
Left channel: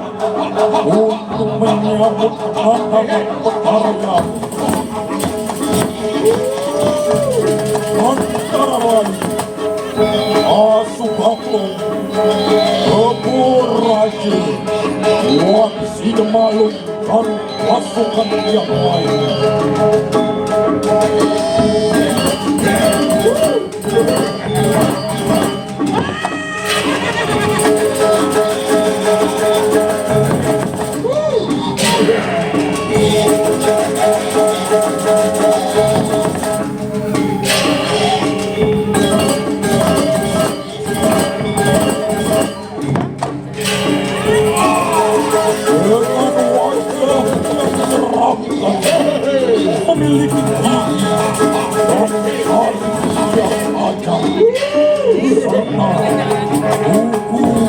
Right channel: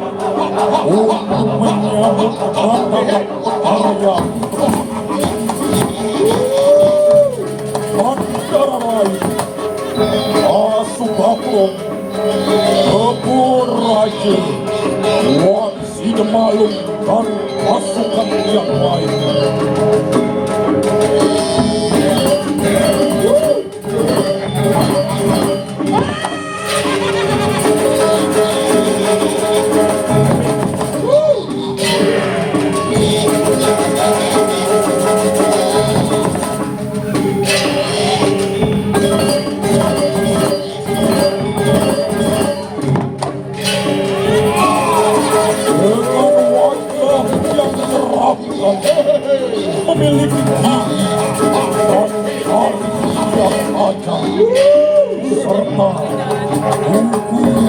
untuk menyambut kedatangan petarya. Antara lain Asubaplong, Kebur Raja, Wang Sidemalung, dan pasukan yang lain. Memiliki gigi dan hari yang akan serta buku warna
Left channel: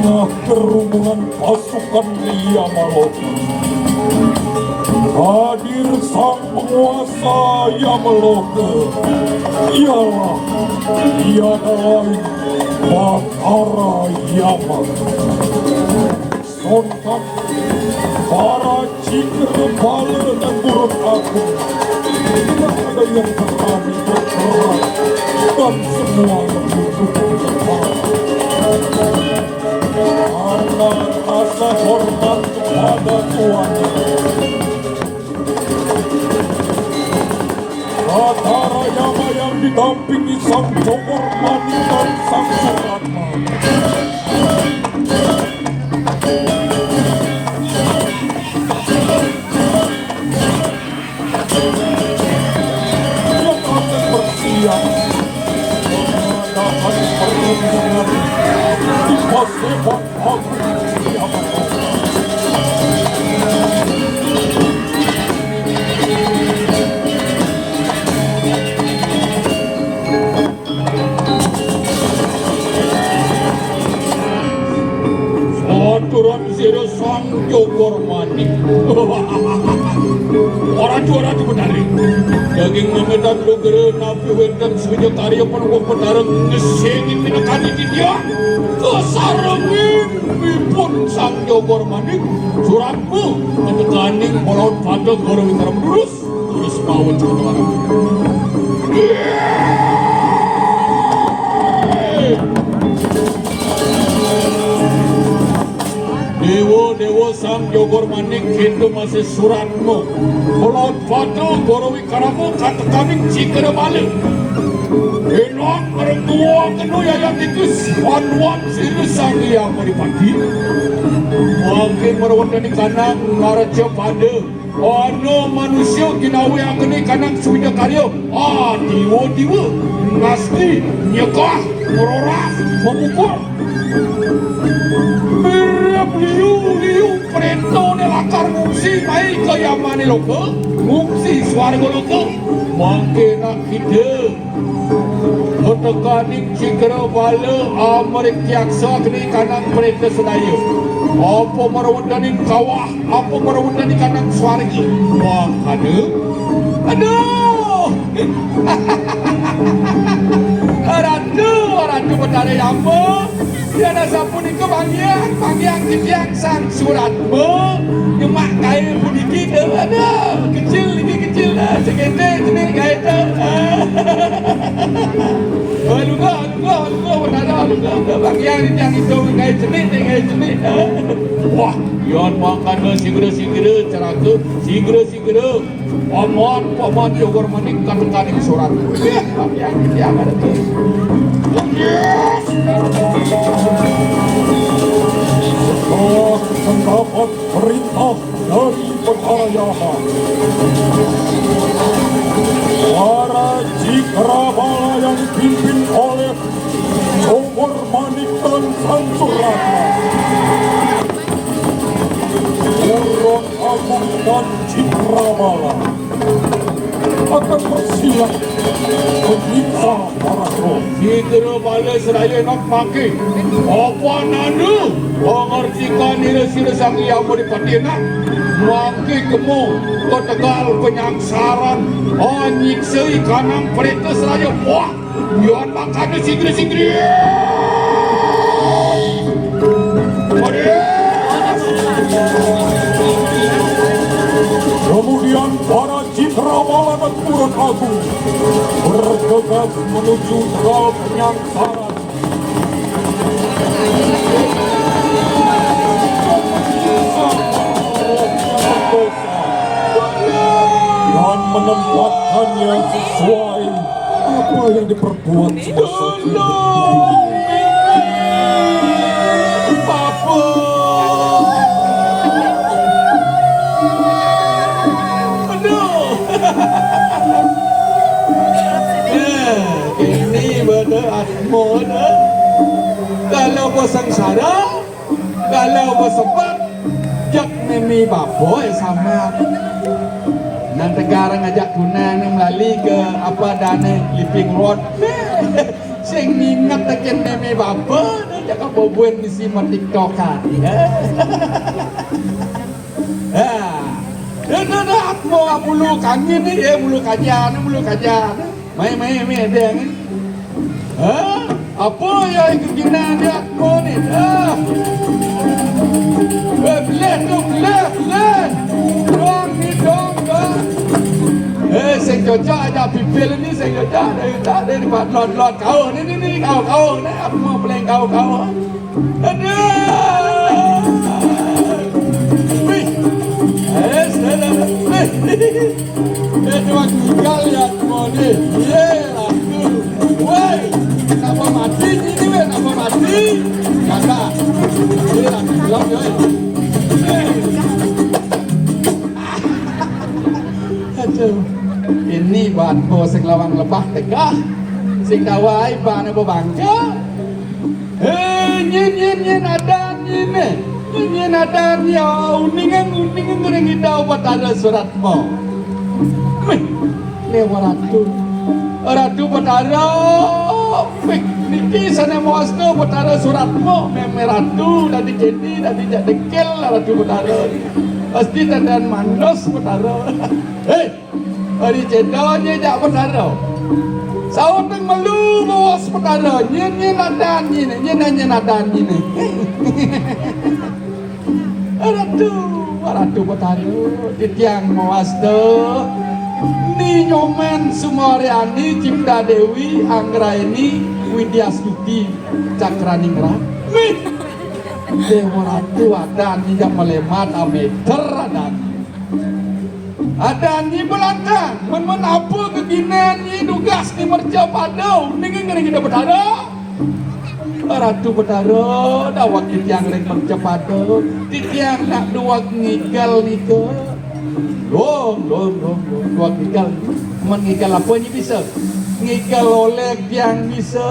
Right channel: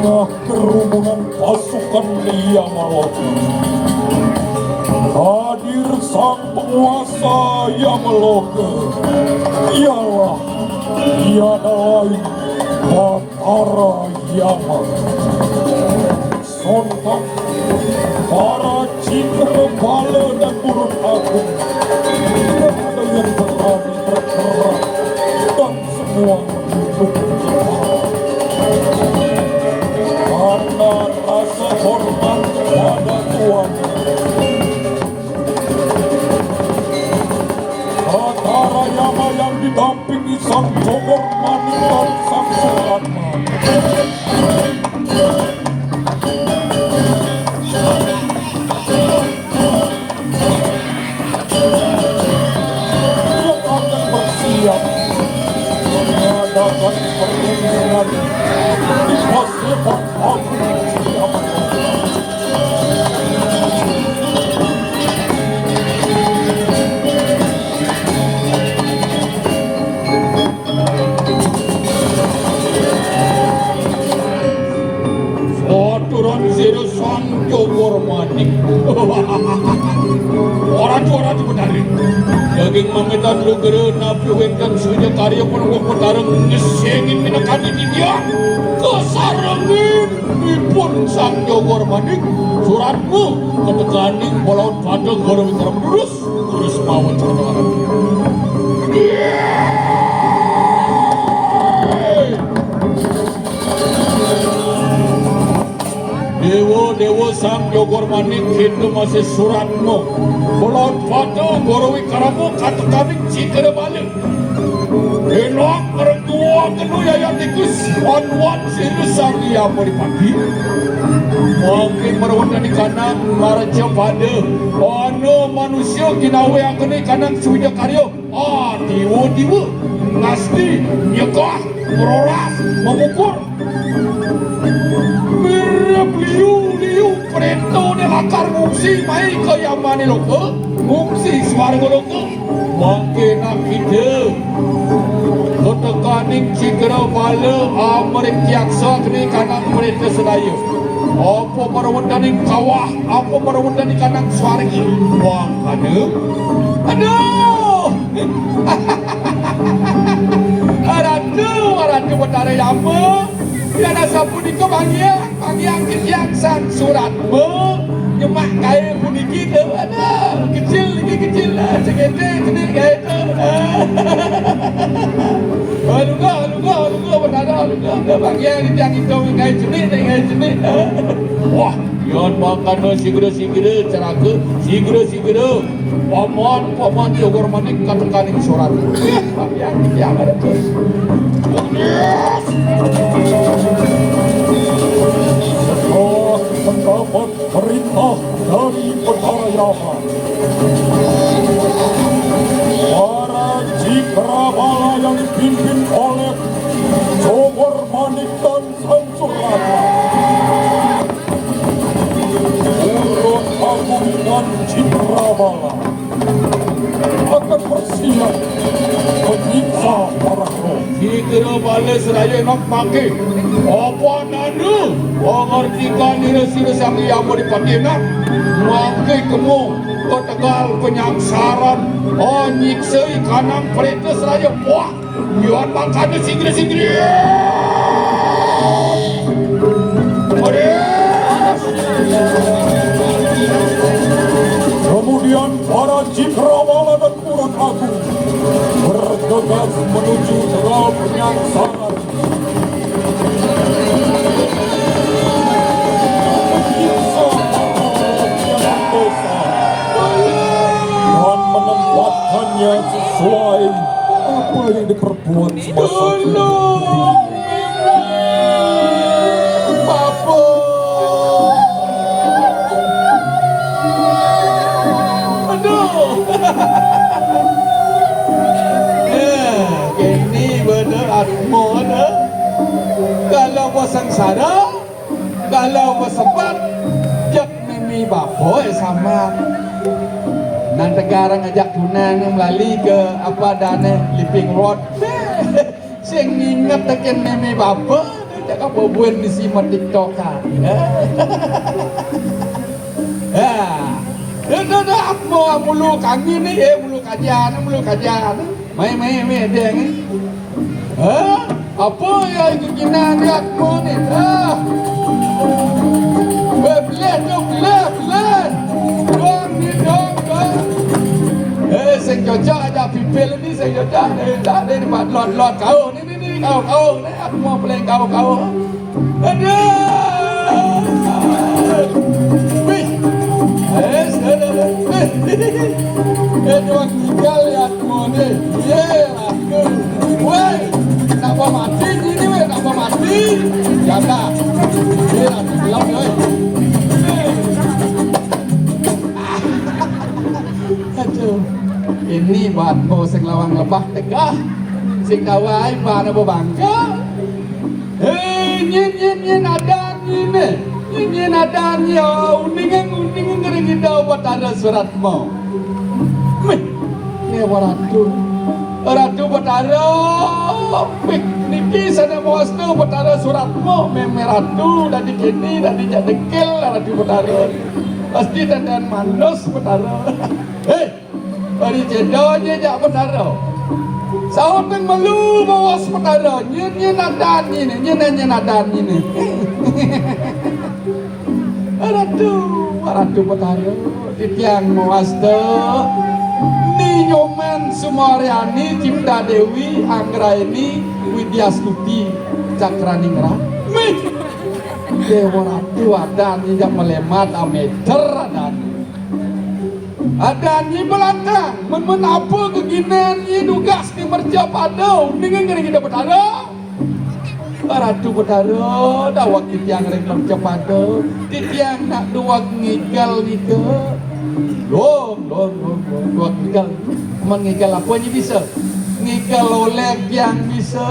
yang kerumunan pasukan Lia Maloka hadir sang penguasa Yamaloka, ialah tiada lain Bathara Yama. Sontak para Cikrabala dan Burun Agung, tidak ada yang berani bergerak dan semua karena rasa hormat kepada Tuhan. Bathara Yama yang didampingi sang Jogor Mani dan sang Suratna yang akan bersiap menghadapi pertandingan di pasukan Agung Yamaloka. Aturan sira sang Jogor Mani. Orang-orang itu benar. Daging mametan lu gere napi wekan sunya karya penuh petarung ngesengin minakani di dia. Kesarangin ipun sang Jogor Mani. Suratku kepeganding polaut pada goro mitra menurus. Terus mau mencoba orang. Dewa sang Jogor Mani manik itu masih suratmu. Kalau batu gorowi karamu kata kami jika balik. Enak kerengkuah kenu yang dikis wan serius sangi apa dipati. Mungkin merawat di kanang maraja pada. Ono manusia kinawe yang kini kanang sudah karyo. Diwa ngasih nyekah meroras mengukur. Liu preto ne lakar ngungsi mai ke Yamani loko ngungsi swarga loko mungkin kita kotakaning cikra bala amrik yaksa kini kanang preto sedayu apa merawadaning kawah apa merawadaning kanang swargi wah aduh Ratu betara apa tiada sapu di kebangnya bagian ketiang sang suratmu nyemak kaya puniki tu ada kecil lah cekete jenis kaya tu Waduh betara bagian ketiang itu kaya jenis wah yon makana segera caraku segera omon jogor manik kaning surat bagian ketiang ada tu mendapat perintah dari Petayahan. Para Cikrabala yang dipimpin oleh Jogor Manik dan Sansurata, Urut Agung dan Cikrabala akan bersiap menyiksa para roh. Cikra bala seraya nak pakai apa nanu mengertikan dia sila sangi yang beripatinan pakai kemu ketegal penyangsaran nyiksai kanang perintah seraya wah yon makanya sigri Kemudian para Cikrawala dan Urut Agung bergegas menuju ke penyangsaran. Dan menempatkannya sesuai apa yang diperbuat semasa hidup. Ini benar atmo kalau bersengsara kalau bersepat jak mimi bapo sama nang tegarang ajak tunang melalui ke apa dane living road sing mingat teken mimi bapo jak bobuan di simon TikTok kan mulu kangen ni mulu kajian mai ada ni apa yang gina dia aku ni belan doang ni dong sing jojo ada pipil ni sing jojo tak ada di lot kau ni kau ni aku mau peleng kau Dua gigal ya semuanya. Ye, aku. Woi, apa mati ini weh? Apa mati? Karena ye, aku aduh, ini bantu sing lawang lebah tegah, sing dawai bana bangka. Nyin ada nyin ada ya uning gureng kita buat ada suratmu. Ni ratu petara fik niki sana muasku petara suratmu meme ratu dari kini dari jadekel ratu petara pasti dandan manos petara dari cedonya jak petara saud melu bos petara nyin adan ini ratu petara di tiang muastu Ni nyomen Sumaryani Cipta Dewi Anggraini Widya Stuti Cakraningrat Dewa Ratu ada ninjak melemat ameter Ada ni belakang, men apa keginan ni tugas ni merja padu, dengan kena kita bertara. Ratu bertara, dah waktu yang lelong cepado, tiang nak dua ngigal ni ke. Dua ngigal, mengigal apa ni bisa? Ngigal oleh yang bisa,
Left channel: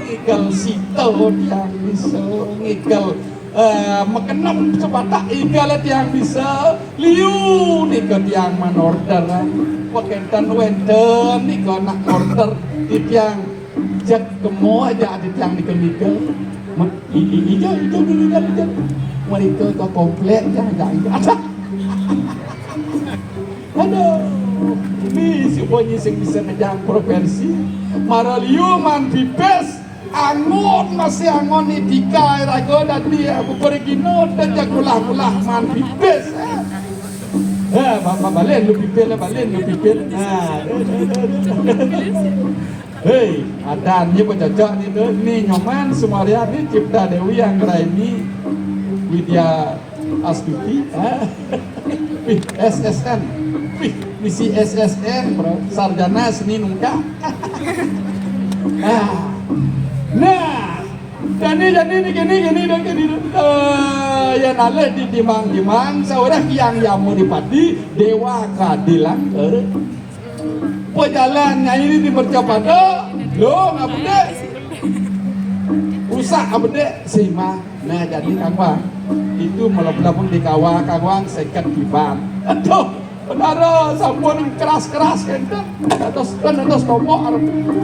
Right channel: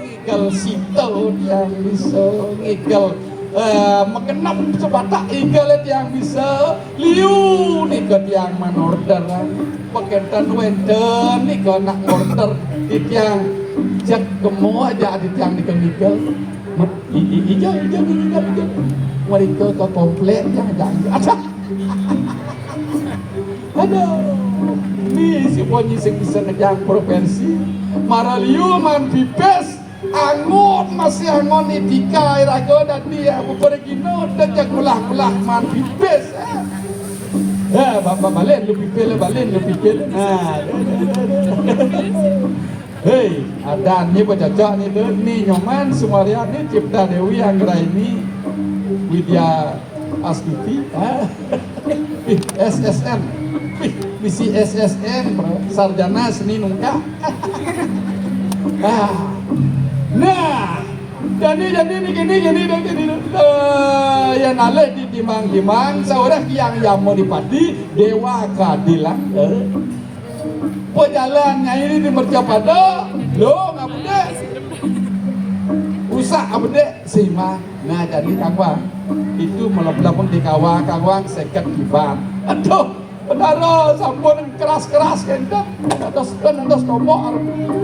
ngigal sito yang bisa, ngigal makenam sebatak igal yang bisa liu ni ke tiang menorder paketan wenten ni ke nak order di tiang cek kemo aja di tiang ni ke nikel ijal mereka ke komplit yang ada ni si bonyi sing bisa ngejang provinsi mara liu man pipes angon masih angon ni tikai rago dan dia pergino dan jagulah man pipes balen lebih pel hei adannya bercocok ni nyongan Sumaria ni Cipta Dewi yang gerai ni Widya Astuti SSN misi SSN sarjana seni lengkap nah jadi ni gini yang naleh di timang seorang yang mau dipati dewa keadilan perjalannya ini dipercepat lo ngabde usah abde sima nah jadi kawang itu melebelapun di kawang seket kiban aduh benar sampun keras kenta atas tombok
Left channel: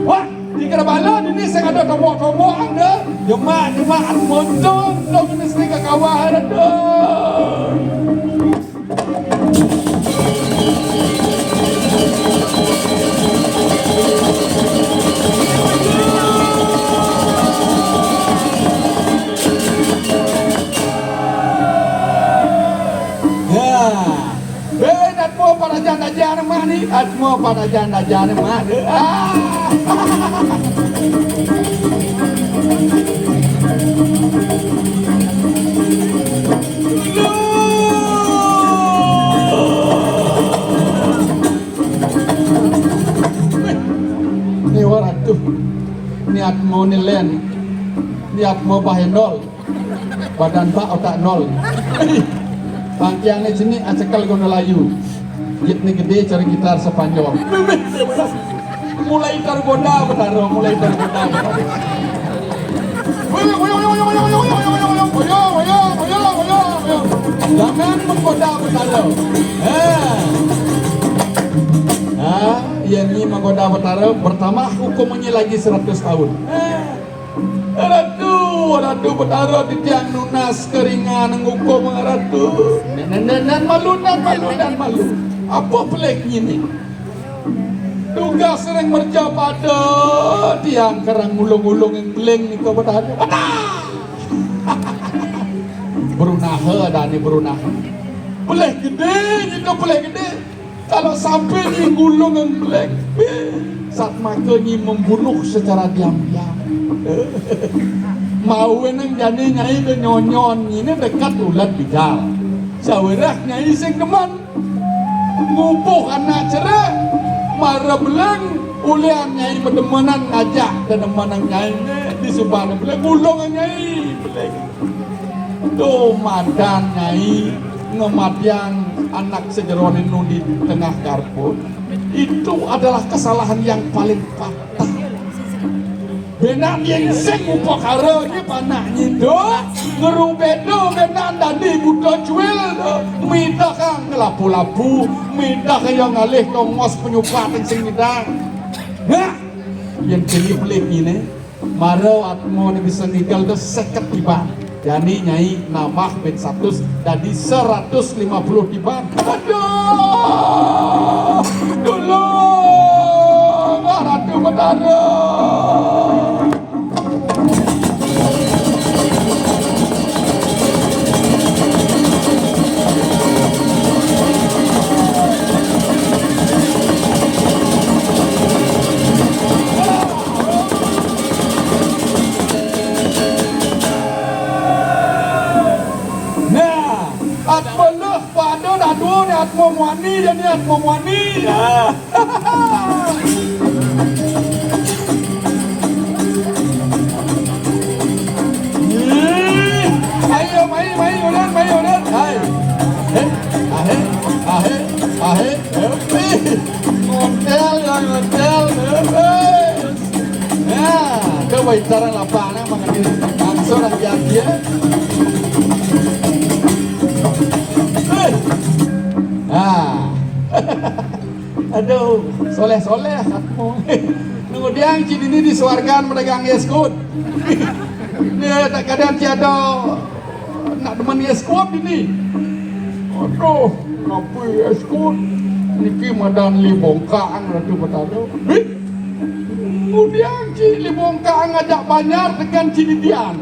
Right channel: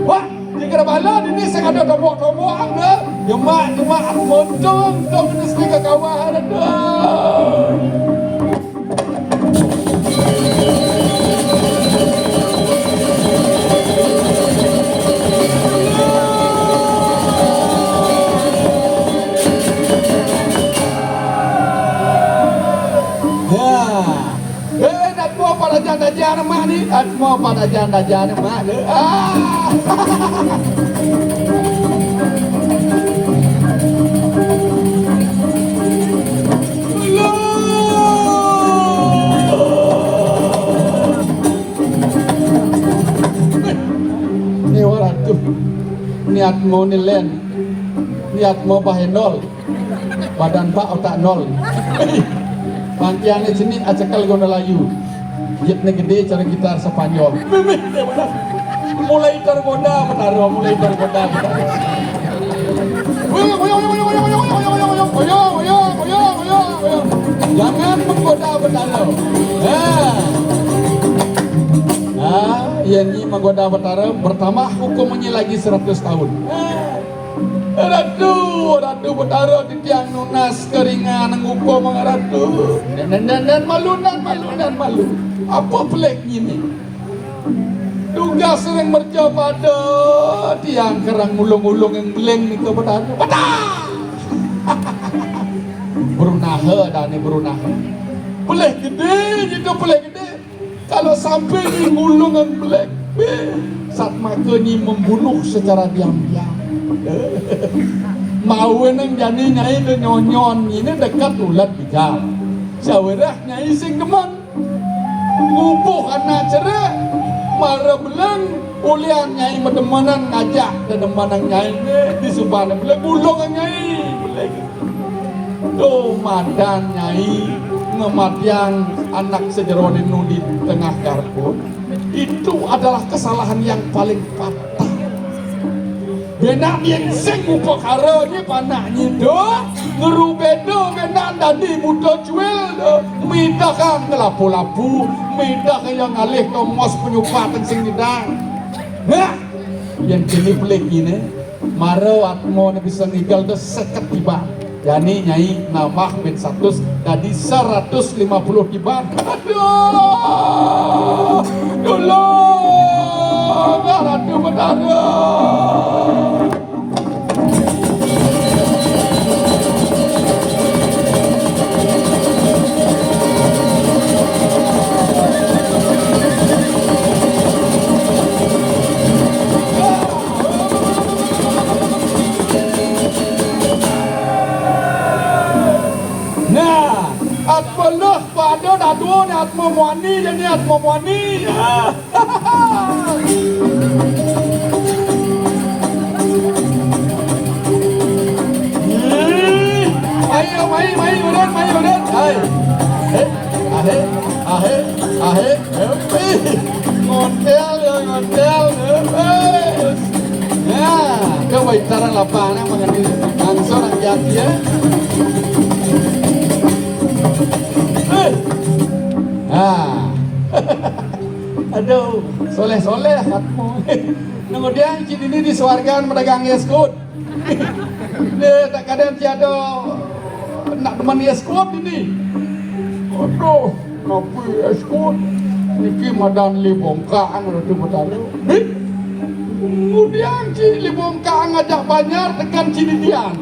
wah di kerabalan ini saya ada tombok anda jemaah montong dong mesti ke kawah ada pada janda-janda mana ni orang tu niat mau nilen niat mau bahaya nol badan pak otak nol nanti yang di sini acakal guna layu Yitnya gede cari gitar sepanjang mulai tergoda benar mulai tergoda jangan menggoda benar nah yang ini menggoda benar pertama hukumnya lagi 100 tahun Ratu betara di tiang nunas keringan ngukum ratu dan malu apa peleknya ni tugas sering merja pada tiang kerang mulung-mulung yang geleng ni ke betara berunaha ada ni berunaha pelek gede kalau sampai ni gulung yang pelek saat makanya membunuh secara diam-diam mau nang jadi nyai ke nyonyon ini dekat ulat bigal sawerah nyai sing deman ngupuh anak cerah marah belang ulian nyai medemanan ngajak dedemanang nyai di subana belang gulung nyai tuh madan nyai ngematiang anak sejeronin di tengah garpu itu adalah kesalahan yang paling fatal. Benak yang sing upakara ni panahnya do ngerubedo benak tadi muda jual do minta kang kelapu-lapu minta kaya ngalih kongos penyupat sing midang nah yang kini pelik ini marau atmo ni bisa tinggal do seket tiba jadi nyai nama ben 100 tadi 150 tiba aduh dulu Ratu Betara ya. Ah. Aduh, soleh-soleh satmu. Kemudian cini ini disuarkan pedagang yeskut. Dia tak kadang tiada nak demen yeskut ini. Aduh, kopi yeskut. Niki madan li bongkang nanti betara. Kemudian cini li bongkang ajak banyak tekan cini dian.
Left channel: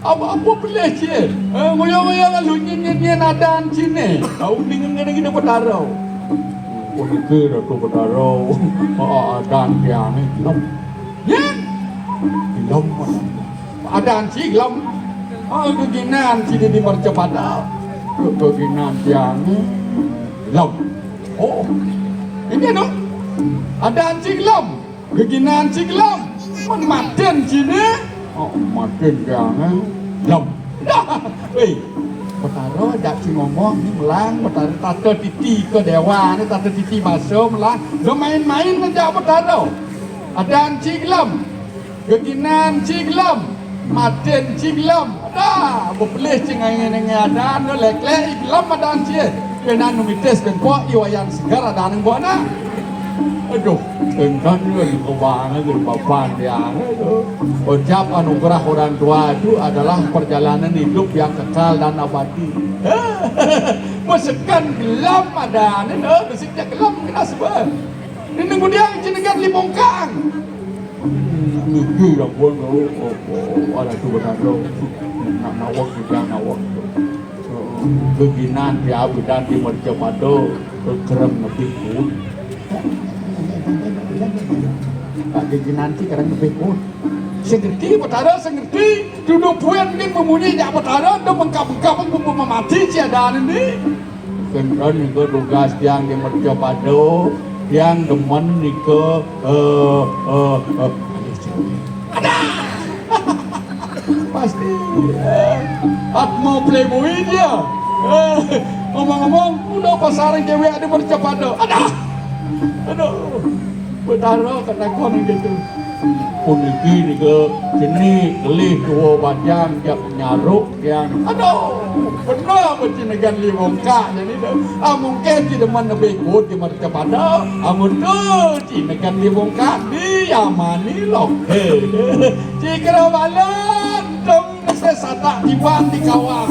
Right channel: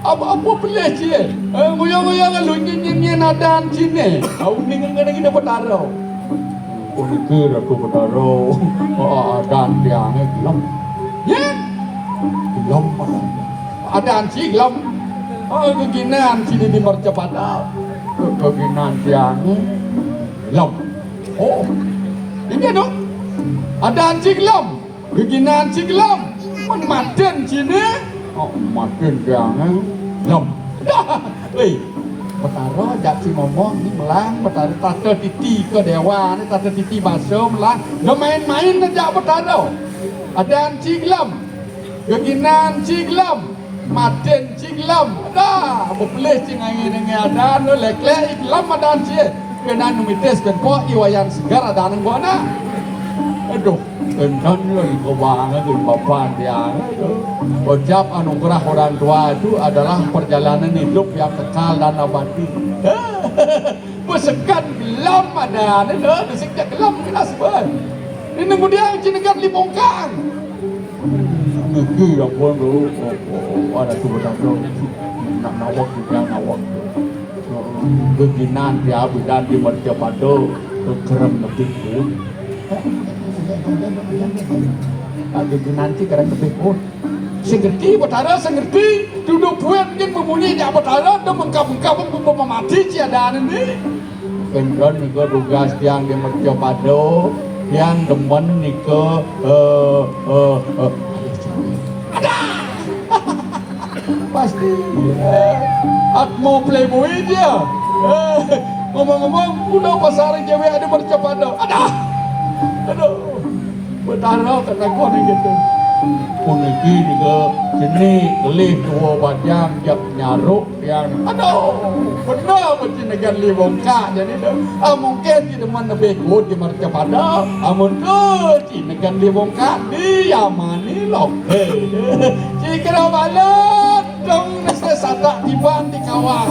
Apa boleh cie? Ngoyong-ngoyong lu nyenyen adan cini. Au dengan kita betara. Pikir aku betara. Adan dian gelap. Ya. Gelap. Adan si gelap. Keginan cini di Mercapada. Keginan dian gelap. Oh, ini dong. Ada cinglam, beginan cinglam, maten sini. Oh, maten jangan lam. Betara dak si ngomong ni melang, betara tata titi ke dewa ni tata titi baso melang. Main-main aja betara. Ada cinglam, beginan cinglam, maten cinglam. Ada, boleh cingai-cingai ada, no lek-lek iklam ada cie. Penan numites ben po iwayan segar ada nang bona. Aduh, engkau ni kebangan dengan papan yang ucap anugerah orang tua itu adalah perjalanan hidup yang kekal dan abadi. Besekan gelap ada, beseknya gelap kena sebab. Ini kemudian jenengan libongkang. Niki lah pun ada kebetulan nak nawak juga nawak. Beginan dia bukan di Mercapada keren lebih pun. Beginan si keren lebih pun. Sengerti betara sengerti. Duduk puan mungkin memunyi dia betara. Dan mengkap-mengkap pun memati siada ini. Keren juga tugas yang di Mercapada. Yang demen nika ada. Pasti. Aku mau playboy dia. Ngomong-ngomong, udah pasaran cewek ada Mercapada. Aduh. Betara kena kau ni gitu. Puniki ni ke sini kelih tua badan nyaruk yang aduh. Benar macam negan li bongkak jadi dah. Mungkin kita mana bekut di Mercapada. Amun ke ci negan li bongkak di Yamani lok. Jika balat dong nasi sadak diban di kawah.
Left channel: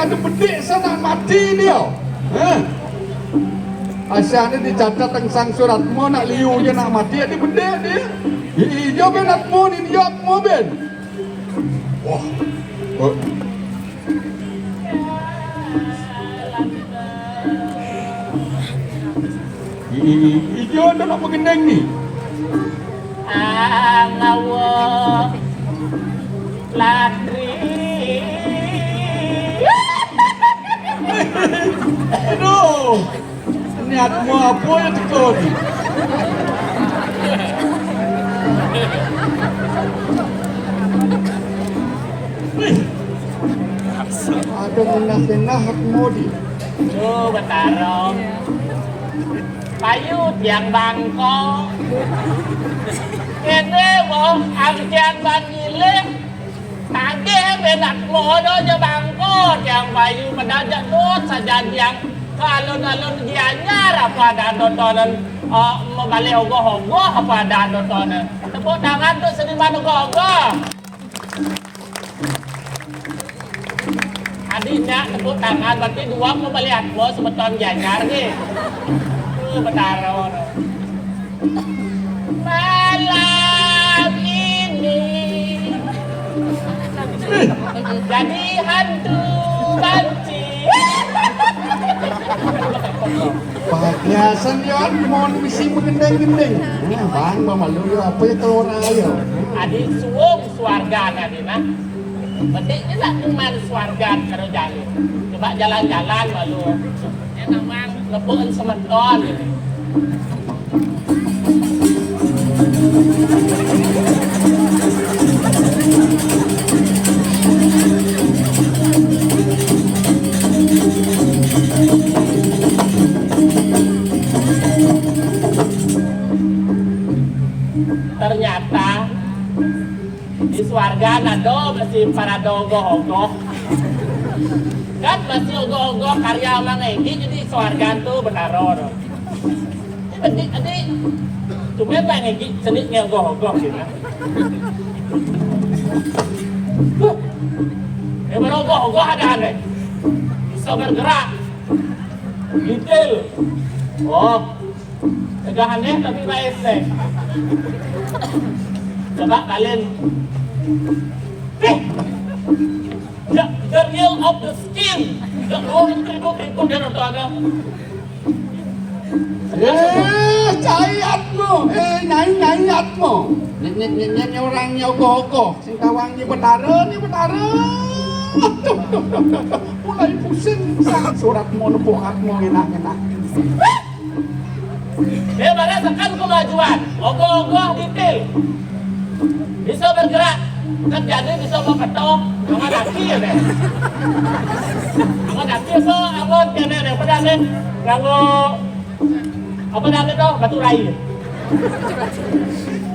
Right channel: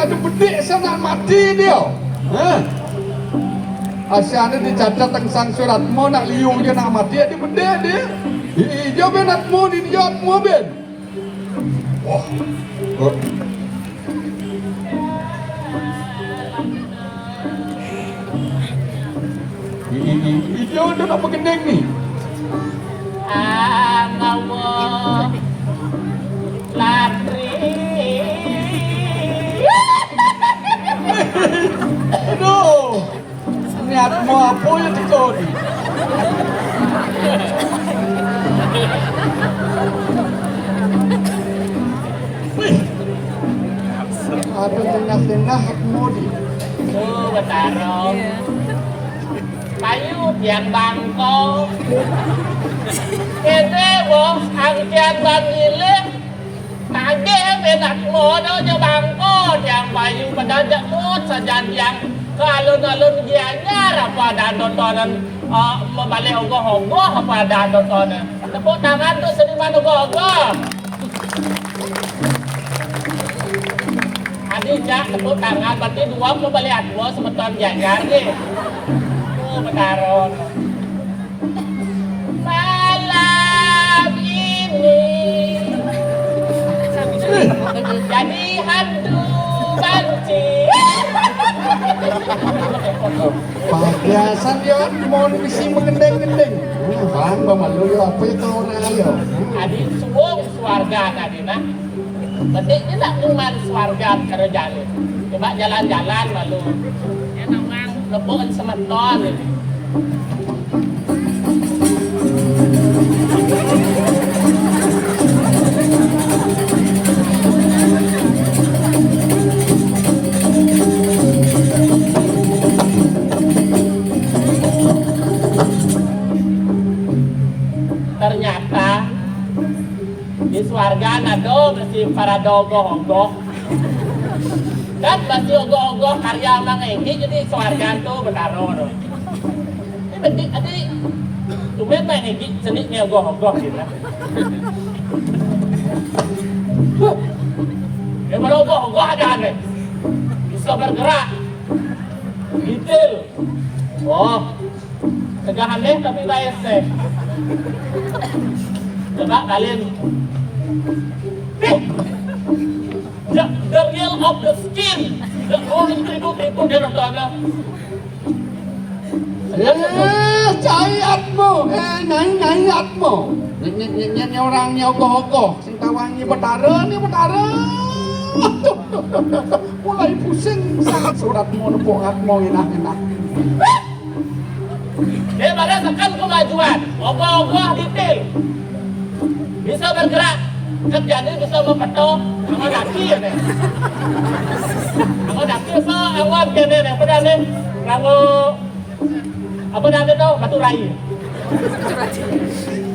Ada bedik sana mati dia. Asyana dicatat tentang surat mau nak liu dia nak mati dia bedik dia. Dia benat mau ni dia mau ben. Wah. Dia dah nak pengendang ni. Nawo ladri. Aduh, niat mau apa yang tekor? Apa menah-menah mau di? Oh, betara. Payut yang bangkok. Kene bos, angkian bangilik. Tagih benak modo je bangkok. Yang bayu pendadak bos saja yang ke alun-alun gianyar apa dan nontonan membalik ogoh-ogoh apa dan nontonan. Tepuk tangan tu seniman ogoh-ogoh. Adiknya tepuk tangan berarti dua membalik aku sebeton gianyar ni. Betaron. Malam ini jadi hantu banci. Bahagiasan dia mau mesti mengendeng-endeng. Bang, malu dia apa itu orang ayo. Adik suwung swarga tadi nah. Betik ni tak kuman swarga karo jalan. Coba jalan-jalan lalu. Enak bang, lepuan semeton. Ternyata di swarga nado masih para dogoh-ogoh kan masih ogoh-ogoh karya Mang Egi jadi swarga tuh betaror ini adik tumben Mang Egi seniknya ogoh-ogoh gitu baru ogoh-ogoh ada aneh bisa bergerak detail oh agak aneh tapi baik deh. Coba kalian the real of the skin the whole tribut dia nonton Caiatmu, naiatmu. Nyanyi orangnya ogoh-ogoh, sing tawangi betara nih betara. Mulai pusing sangat suratmu nepokatmu enak-enak. Dia merasakan kemajuan, ogoh-ogoh detail, bisa bergerak, kan jadi bisa mempetok, sama daki ya deh. Sama daki apa, awal kene yang pernah nih, kalau apa namanya tuh batu rai.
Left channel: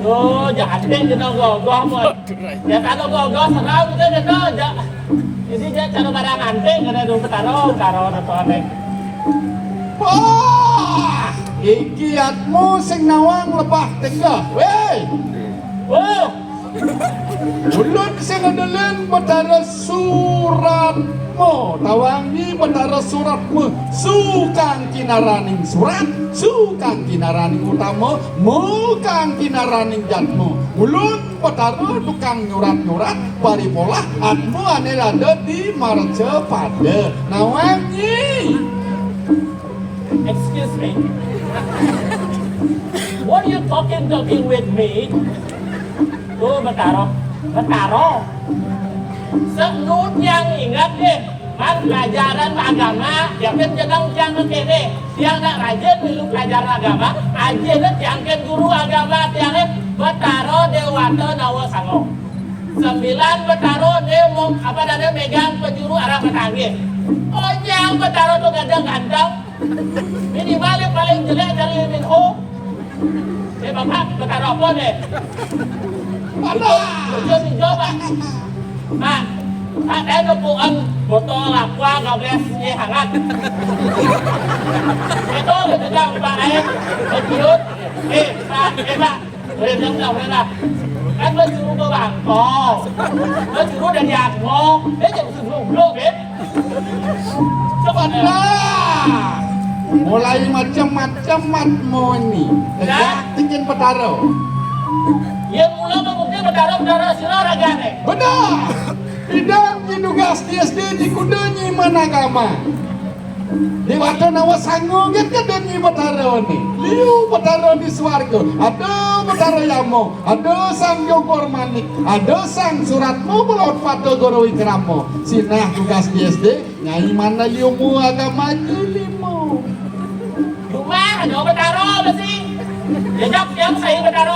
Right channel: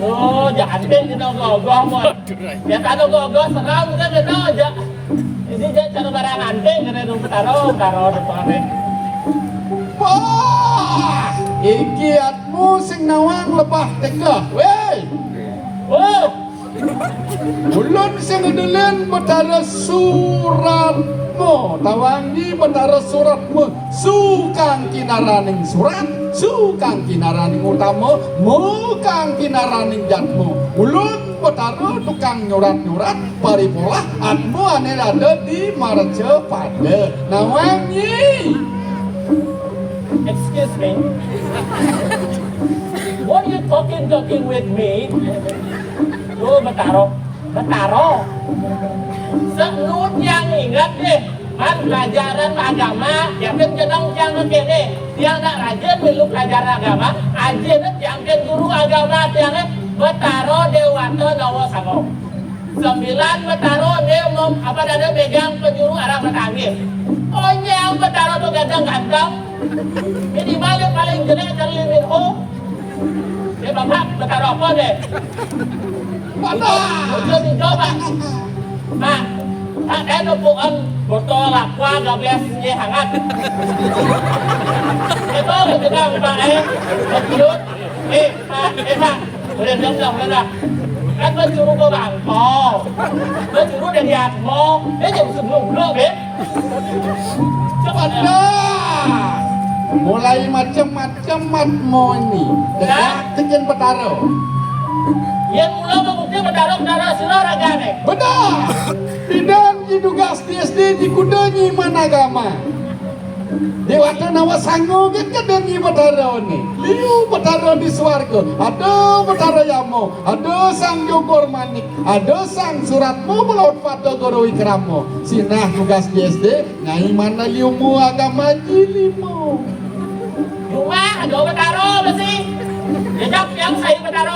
Oh, jangan deh kita ogoh-ogoh, ya kan ogoh-ogoh sekarang kita kita aja. Ini dia cara barang anting, karena dulu taruh sesuatu. Wah, iki atmu sing nawang lebah tegah, weh. Oh, Ulun sing ngedelin betara suratmu, tawangi betara suratmu, sukang kinaraning surat, sukang kinaraning utama, mukang kinaraning jatmu. Ulun betara tukang nyurat-nyurat, paripolah atmu ane ada di marce pada nawangi. excuse me. What are you talking with me? Oh, Betaro. Senut yang ingat deh, man pelajaran agama, ya kan jangan kene. Yang nak rajin belum pelajaran agama, aja yang kan guru agama tiang Betaro Dewato Nawasango. 9 Betaro dia mau apa dia megang penjuru arah Betangir. Oh yang Betaro tuh ganteng. Minimal yang paling jelek dari Minho. Dia bapak Betaro apa deh? Udah dicoba. Mak, ada nupuan botol aqua gabesnya hangat. Itu kita Pak Jadiut. Pak, Mak, boleh dengar. Kan penjuru ke Bangkok, penjuru dari Angko, jauh sebelum coba Mulai macam-macam matmu ini, dengan betara. Yang mula mungkin betara sila ragane. Benar. Bidang didugas di SD di kudanyi managama. Dewata Nawasango kan kadanyi betara ini. Liu betara di swarga. Ada betara yamo, ada sang Jogor Manik, ada sang suratmu melawat pato guru ikramo. Sinah tugas di SD, nyai mana liumu agama jilimu. Rumah ada betara masih. Jejak yang saya betara.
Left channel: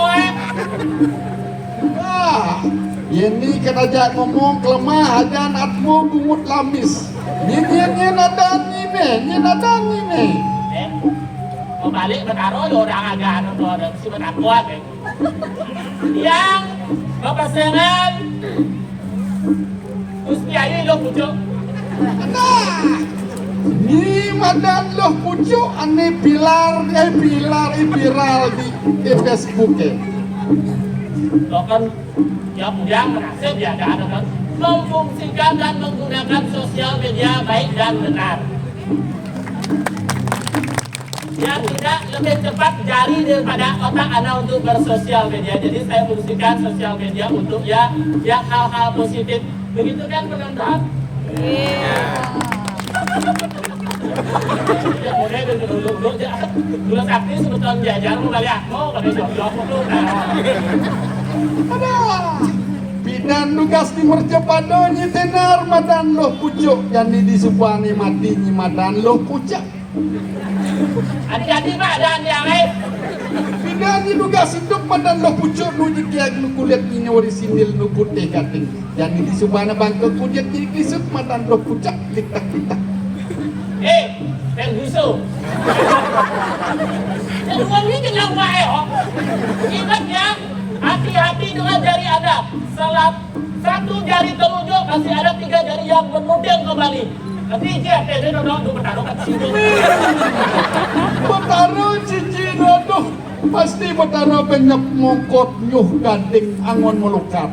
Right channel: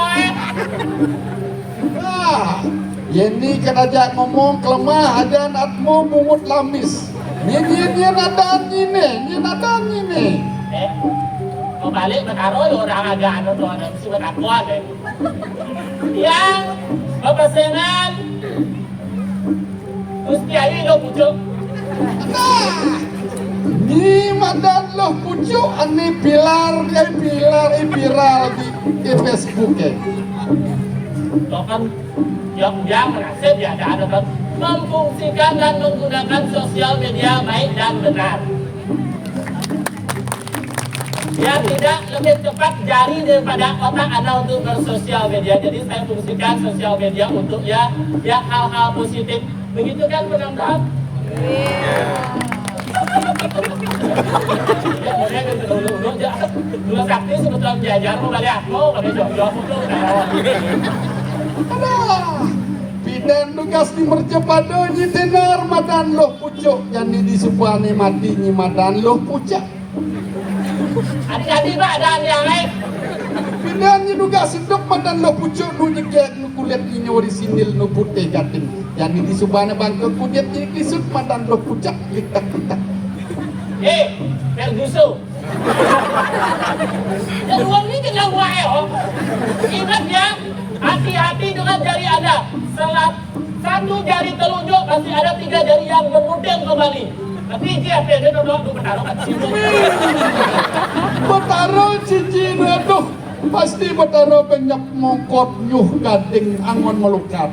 Ini kenajak ngomong kelemah dan atmu bungut lamis. Ini nadan ini. Balik betara orang agak ada surat kuat deh. Yang berpasangan terus kiai lo pucuk. Ni madan loh pucuk ane pilar viral di Facebook ya. Lo kan yang berhasil ya ada memfungsikan dan menggunakan sosial media baik dan benar. Yang tidak lebih cepat jari daripada otak Anda untuk bersosial media. Jadi saya fungsikan sosial media untuk yang hal-hal positif. Begitu kan penonton? Iya. Dulu sakti sebetulnya jajar membalik aku pada jok-jok untuk Bidan tugas di mercepado ni tenar madan loh pucuk yang di supane mati ni madan loh pucuk. Adik-adik Pak dan yang lain. Bidan ni juga sendok mandan lo pucuk nu jekiak nu kulit ni orisinil nu putih gating. Jadi di subana bangkut pujet ni kisut mandan lo pucak tik-tak. Ferguson. Dan uang ini tengah wae, ingat ya, hati-hati dengan jari Anda. Satu jari telunjuk masih ada 3 jari yang bermodel kembali. Nanti dia dodok tu bertaruh kat situ. Bertaruh cincin aduh. Pasti bertaruh penyap mongkot nyuh gading angon melukat.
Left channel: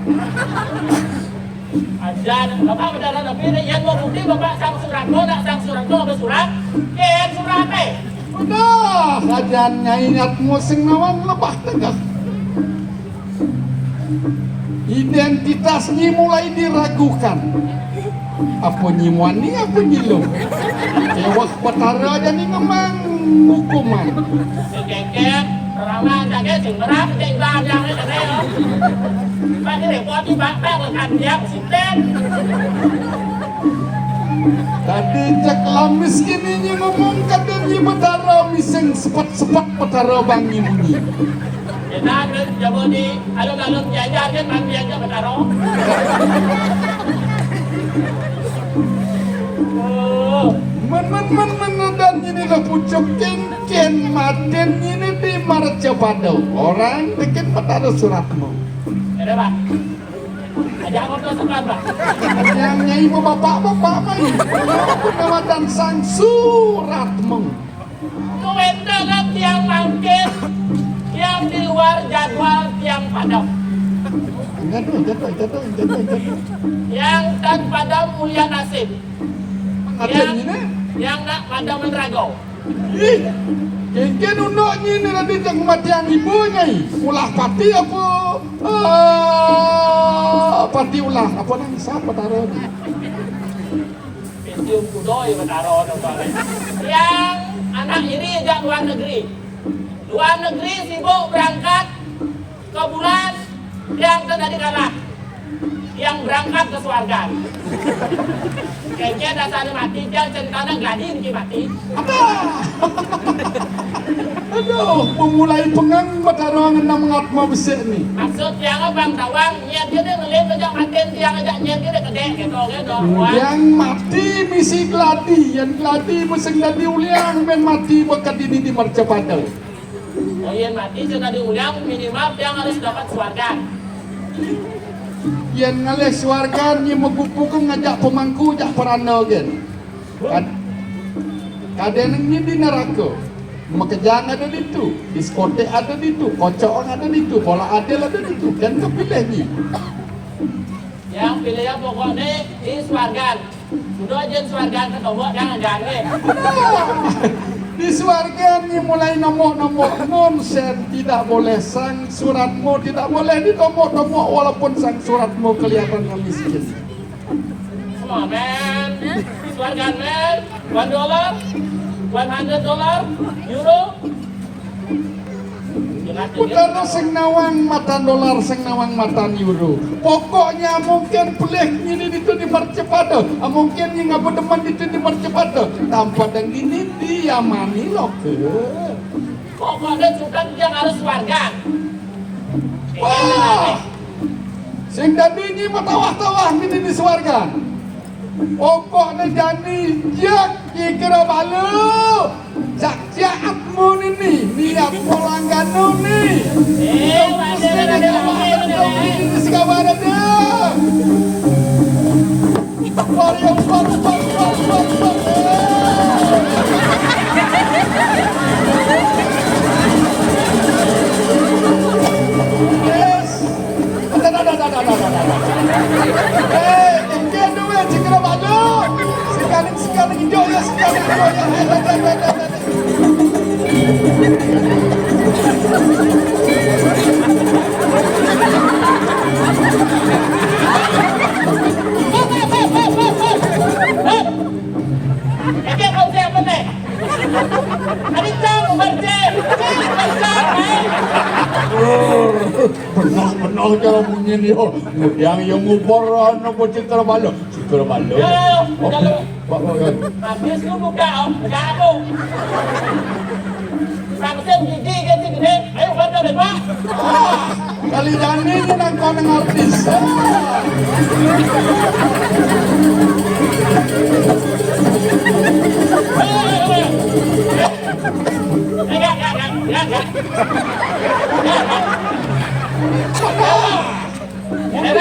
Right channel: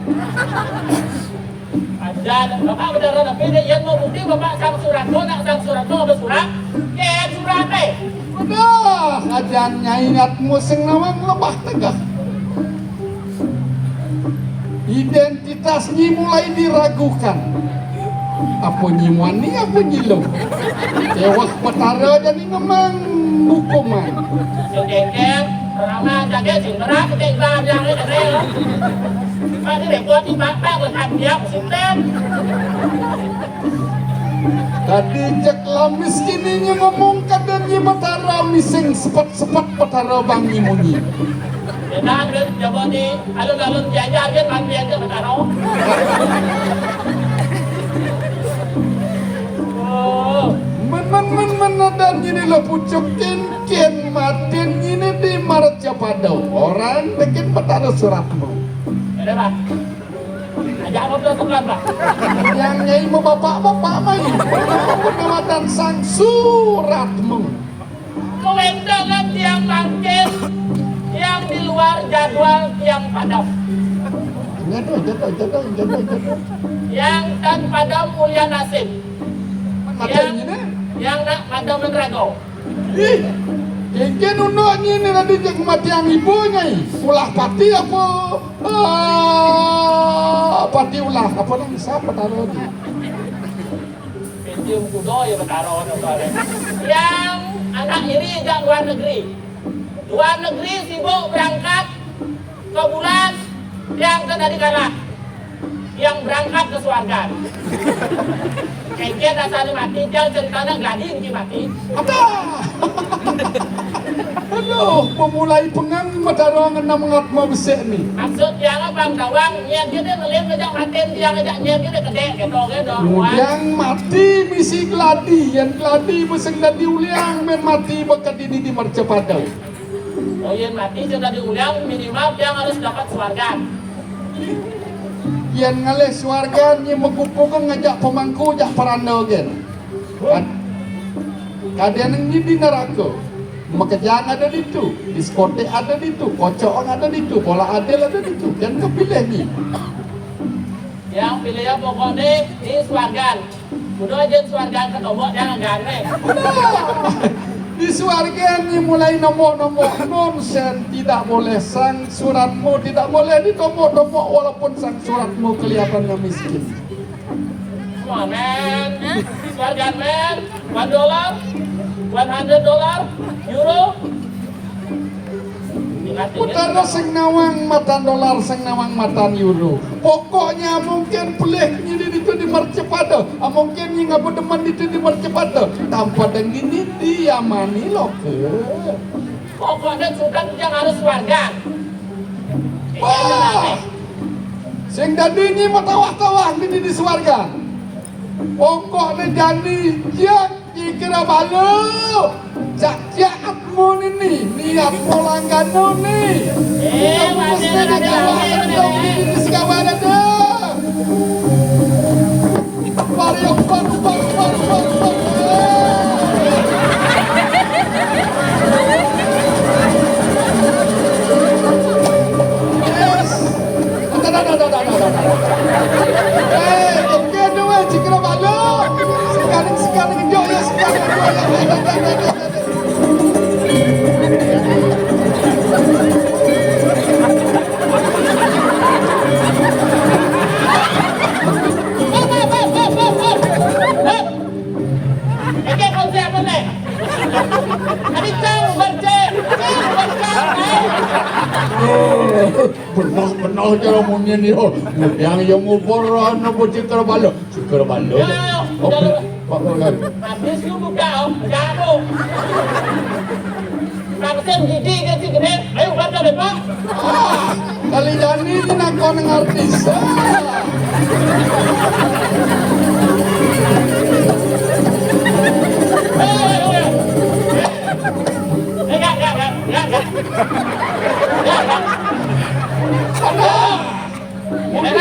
Ada bapak berdarah tapi yang mau bukti bapak sang surat nak sang surat bersurat. Surat Dah, ajannya ingatmu senawang lebah tegak. Identitasnya mulai diragukan. Apa nyimani, apa nyilum. Tewas petara jadi memang hukuman. Kekek, orang mah jaga sing merah ketik yang ni tak ada. Pak ni buat ni pak berkat dia sistem. Tadi cek lau miskininya ngomong kadangnya petara miseng sepet-sepet petara bangi munyi. Nah, coba ni, alun-alun jajar kan mati aja bertaruh. Menan dan ini lo pucuk ken maten ini di Marca Padau. Orang bikin petara suratmu. Ada pak. Ada apa surat pak? Yang nyai bapak main. Penawatan sang suratmu. Kewenangan yang mangkin, yang di luar jadwal yang padam. Jatuh. Yang tan padam mulia nasib. Ada ini. Yang nak padam menerago. Ih, Ken unok ni nanti jak kematian ibunya. Ulah pati apa? Pati ulah apa yang siapa taruh ni? Cium kudo yang bertaruh. Yang anak iri jak luar negeri. Luar negeri sibuk berangkat ke bulan yang tadi kalah. Yang berangkat ke surga. Kayaknya dasarnya mati, yang ceritanya gladi ni mati. Aduh, memulai pengang mataruang enam ngat mau besek ni. Maksud yang abang tawang, nyet kita ngelihat ngajak maten, yang ngajak nyet kita kedek gitu kan. Yang mati misi gladi, yang gladi meseng gladi uliang, men mati bakat ini di Marca Padau. Oh iya mati, cerita diulang minimal yang harus dapat surga. Yang ngalih suarga ni mengumpulkan ngajak pemangku jak peranda kan. Ada yang ni di neraka. Makejang ada di tu, diskotek ada di tu, kocok ada di tu, bola adil ada di tu. Dan tu pilih ni. Yang pilih yang pokoknya di surga. Sudah je surga ke tombol jangan gane. Di suarga ni mulai nomor-nomor nonsen, tidak boleh sang suratmu, tidak boleh di nomor-nomor walaupun sang suratmu kelihatannya miskin. Come on man, surga man, $1, $100, euro. Utara senawang matan dolar, senawang matan euro. Pokoknya mungkin pelih ni itu di Marca Padau. Mungkin ni ngapa demen itu di Marca Padau. Tanpa dan ini dia mani loker. Pokoknya sultan yang harus surga. Wah, sing dadi ni matawah-tawah ini di suarga. Pokoknya jadi jak kira balu. Cak-cakmu ni niat polangganu ni. Ada. Sekarang ada. Yes. Sekali hijau ya sekali. Benar kalau punya ni yang ngubur cikar balo. Habis lu buka jago. Vaksin gigi kan si gede. Ayo bantu deh pak. Dani ini nangkau nang artis.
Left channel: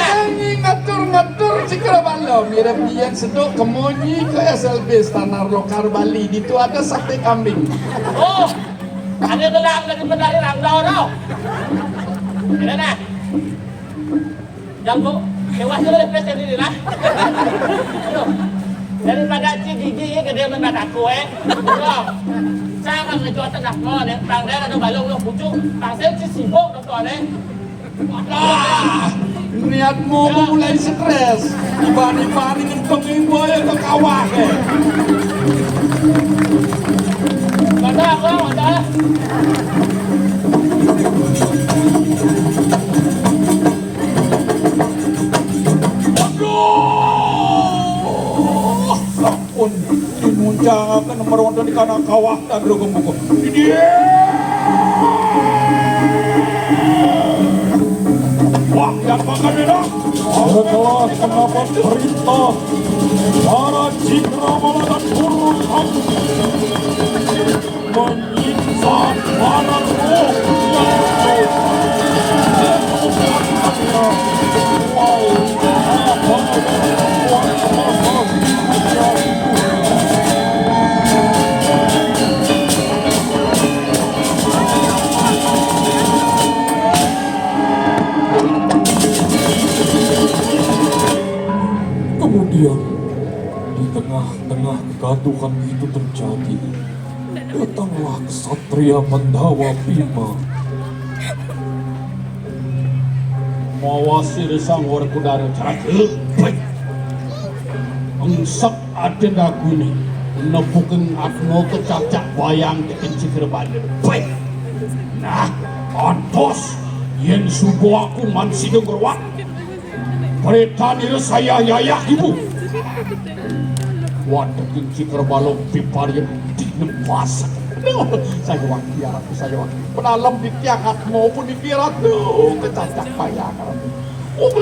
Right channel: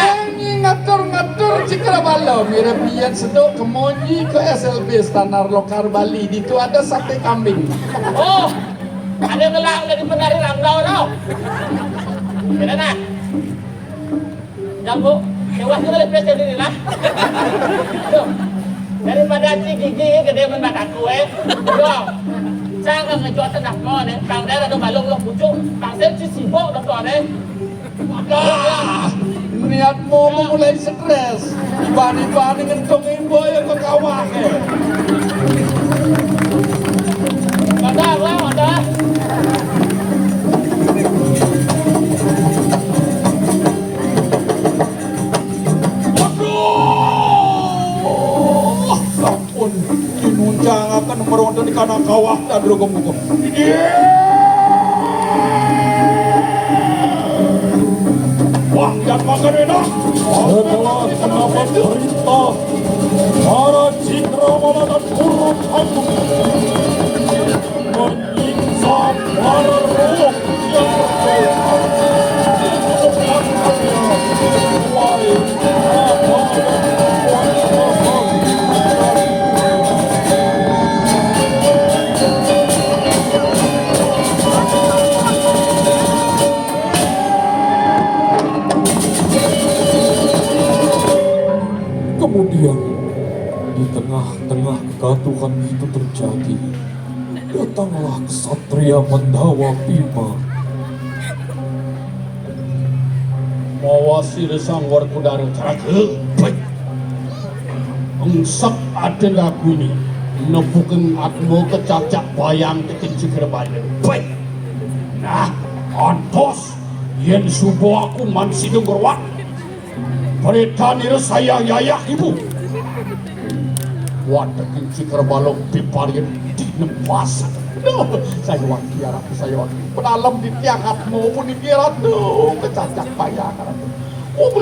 Ini ngatur-ngatur cikra balo mirip yang sedok kemonyi ke SLB Standar Lokal Bali. Di itu ada sate kambing. Oh, ada gelang dari penari rambau tau. Tidak nak. Jangan hewan juga lebih sendiri lah. Daripada gigi gede memang aku saya akan ngejual tenak kau nih. Bang daerah ada balong lo pucuk. Bang saya sibuk dokter nih. Niatmu memulai stres. Tiba-tiba ini ngentong ibu ya ke kawah. Ada. Ampun, dinuncang akan meronda di kanan kawah dan rogong-rogong. Wah, yang makan enak. Adalah kenapa perintah para cikra malakan turun aku menyiksa para roh. Kemudian di tengah-tengah kegaduhan itu terjadi, datanglah ksatria Mandawa Bima. Mawasir sangwar kudara terakhir. Engsak ada lagu ini. Nebukeng atmo kecacak bayang kekenci kerbaya. Baik. Nah, antos yen subuh aku mansi genggerwak. Perintah diri saya yaya ibu. Wadah kenci kerbalong piparin dinempas. Saya wakil aku saya wakil. Penalam di tiang hatmu pun dikira tuh kecacak kaya. Oh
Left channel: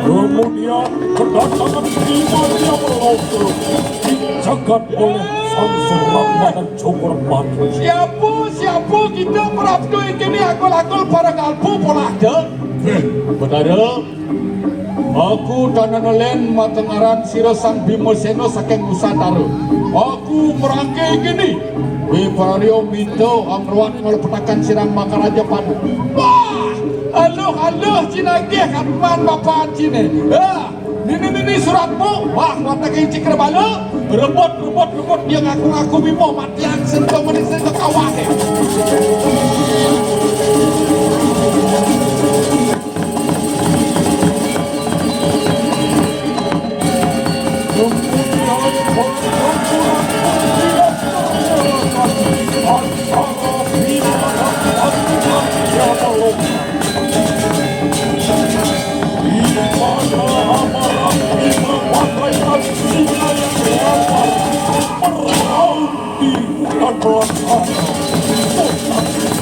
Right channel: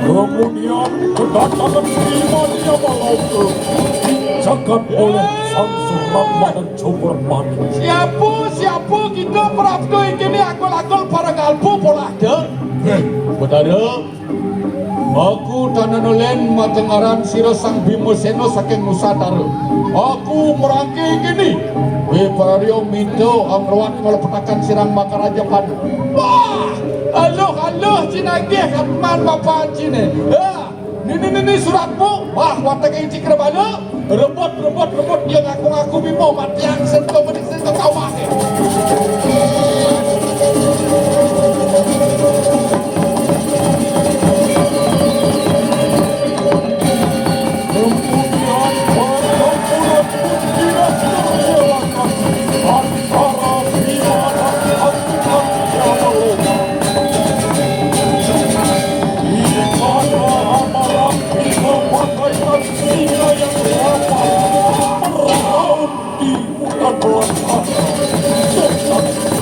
Kemudian kedatangan Bima yang melontar dijagat oleh sang Surama dan Cokor Mati. Siapa kita perabdo ini agol-agol para galpu polada. Benar. Aku tananolen matengaran sira sang Bima Seno saking Nusantara. Aku merangkai gini. Parario minto amruan ngelepetakan sirang makaraja padu. Wah, halo cinagi kapan bapak cine. Ini suratmu. Wah, mata kayak cikra balo. Rebut dia ngaku-ngaku Bimo mati yang sentuh menisir ke kawah.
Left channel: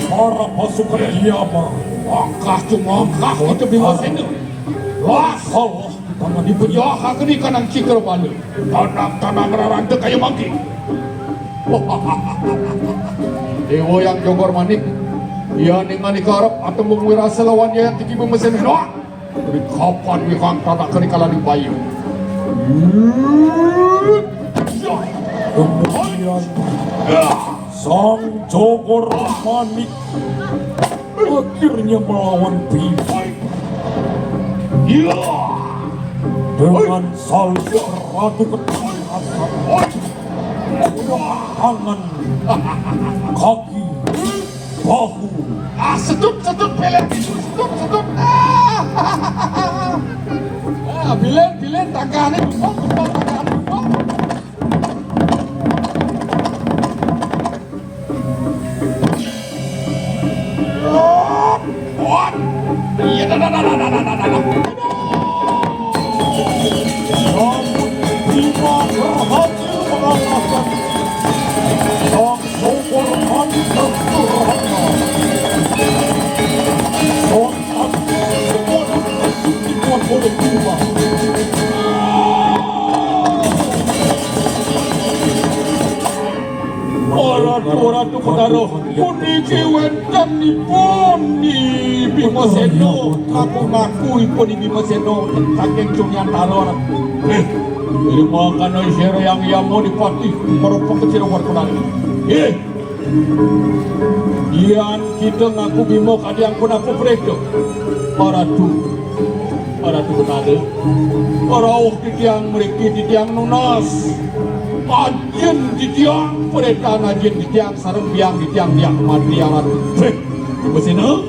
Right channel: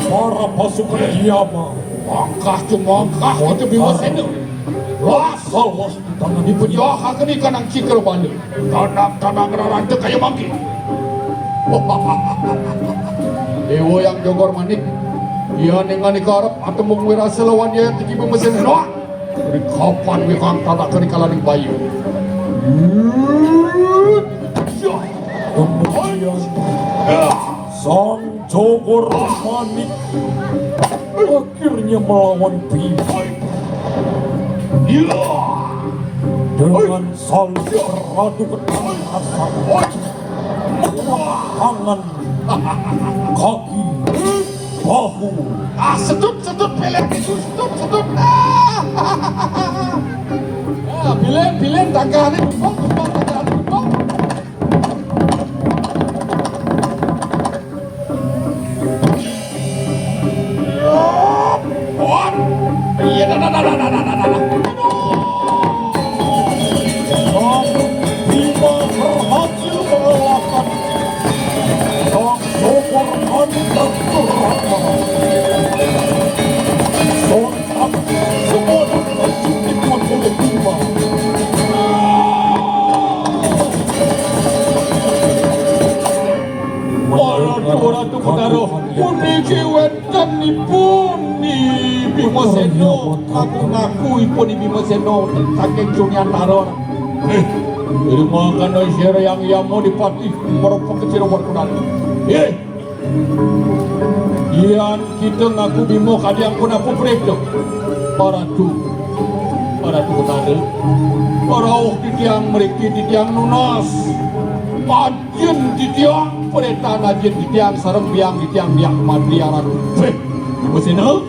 Para pasukan Diama Langkah ke Bima Seno. Wah, Allah. Tangan dipujohkan ke di kanang cikra balo. Kanang rarante kayak mangki. Dewa yang jogor manik. Dia dengan ikarap atau mengwirasa lawan dia yang tinggi Bima Seno. Wah, dari kapan ni kang tadak kerikala di bayu. kemudian sang Cokor Manik akhirnya melawan Bima dengan salju ratu ketangkasan tangan, kaki, bahu. Sedut pelet itu, sedut. Bilen takane Namun Bima berhasil mengalahkan Kewentanipun di Bima Seno, ngaku ipun di Bima Seno saking Sunyantara. Terima kasih sira yang mau dipati para pekecil warkunan. Iyan kita ngaku Bima kadang pun aku break Para tu nade. Para di tiang mereka di tiang nunas. Ajen di tiang peretan ajen di tiang sarang biang di tiang materialan. Bima Seno,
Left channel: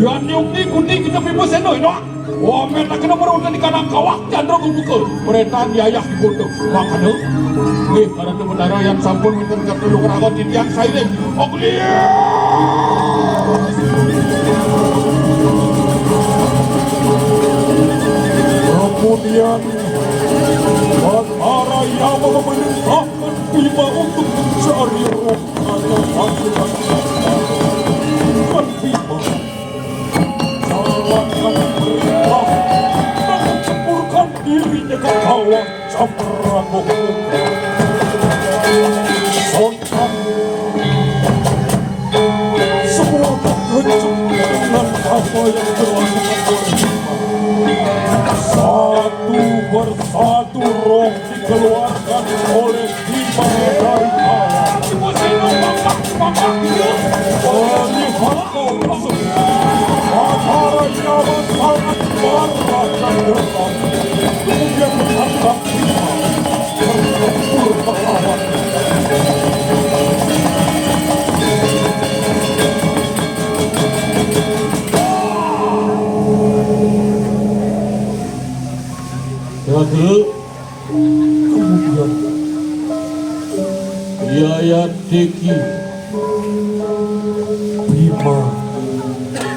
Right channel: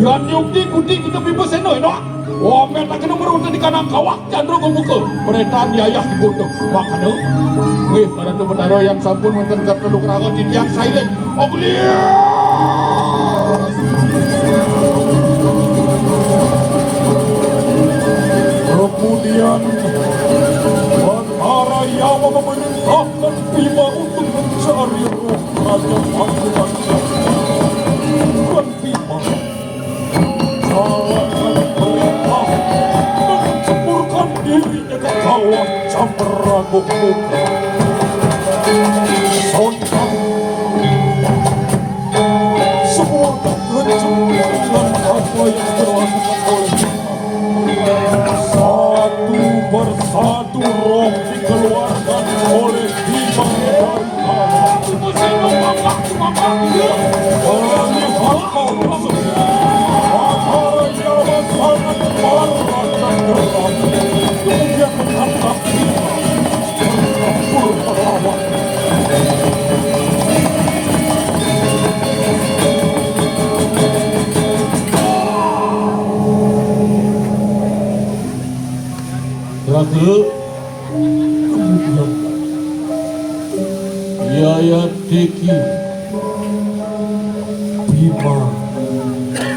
yan yung di kita Bima Seno ino. Wah, mereka kena beruntung di kanan kawak jandro kebuka. Peretan yayah di butuh. Makanya, karena itu bendara yang sampun wonten ketelu keragat di tiang silent. Kemudian Batara yang memerintahkan Bima untuk mencari roh kerajaan Pasundan. Dan Bima salah satu perintah mencampurkan dirinya ke kawah Cemperanggok. Sontak semua terkejut dengan apa yang dilakukan oleh satu persatu roh dikeluarkan oleh Bima dari kawah. Kami hakau tersebut Batara yang sangat bangga dan geram. Kemudian menangkap Bima dan pulang ke kawah. Kemudian Yaya Deki Bima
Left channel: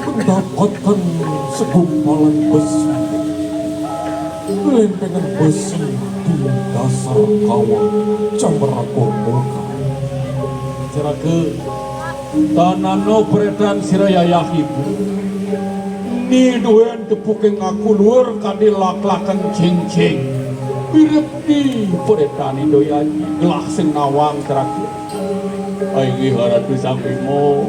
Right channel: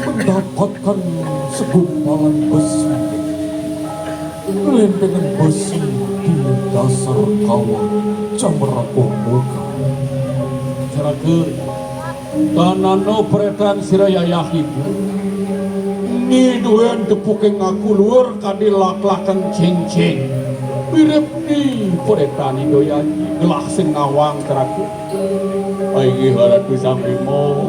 mendapatkan segumpalan besi, lempengan besi di dasar kawah Cemperanggok. Cerake tanano peretan sira yayah ibu. Ni duen tepukeng aku luar kadil lak-lakan cing-cing. Mirip di peretani doyan gelah sing nawang terakhir. Aigi haratu sang Bima.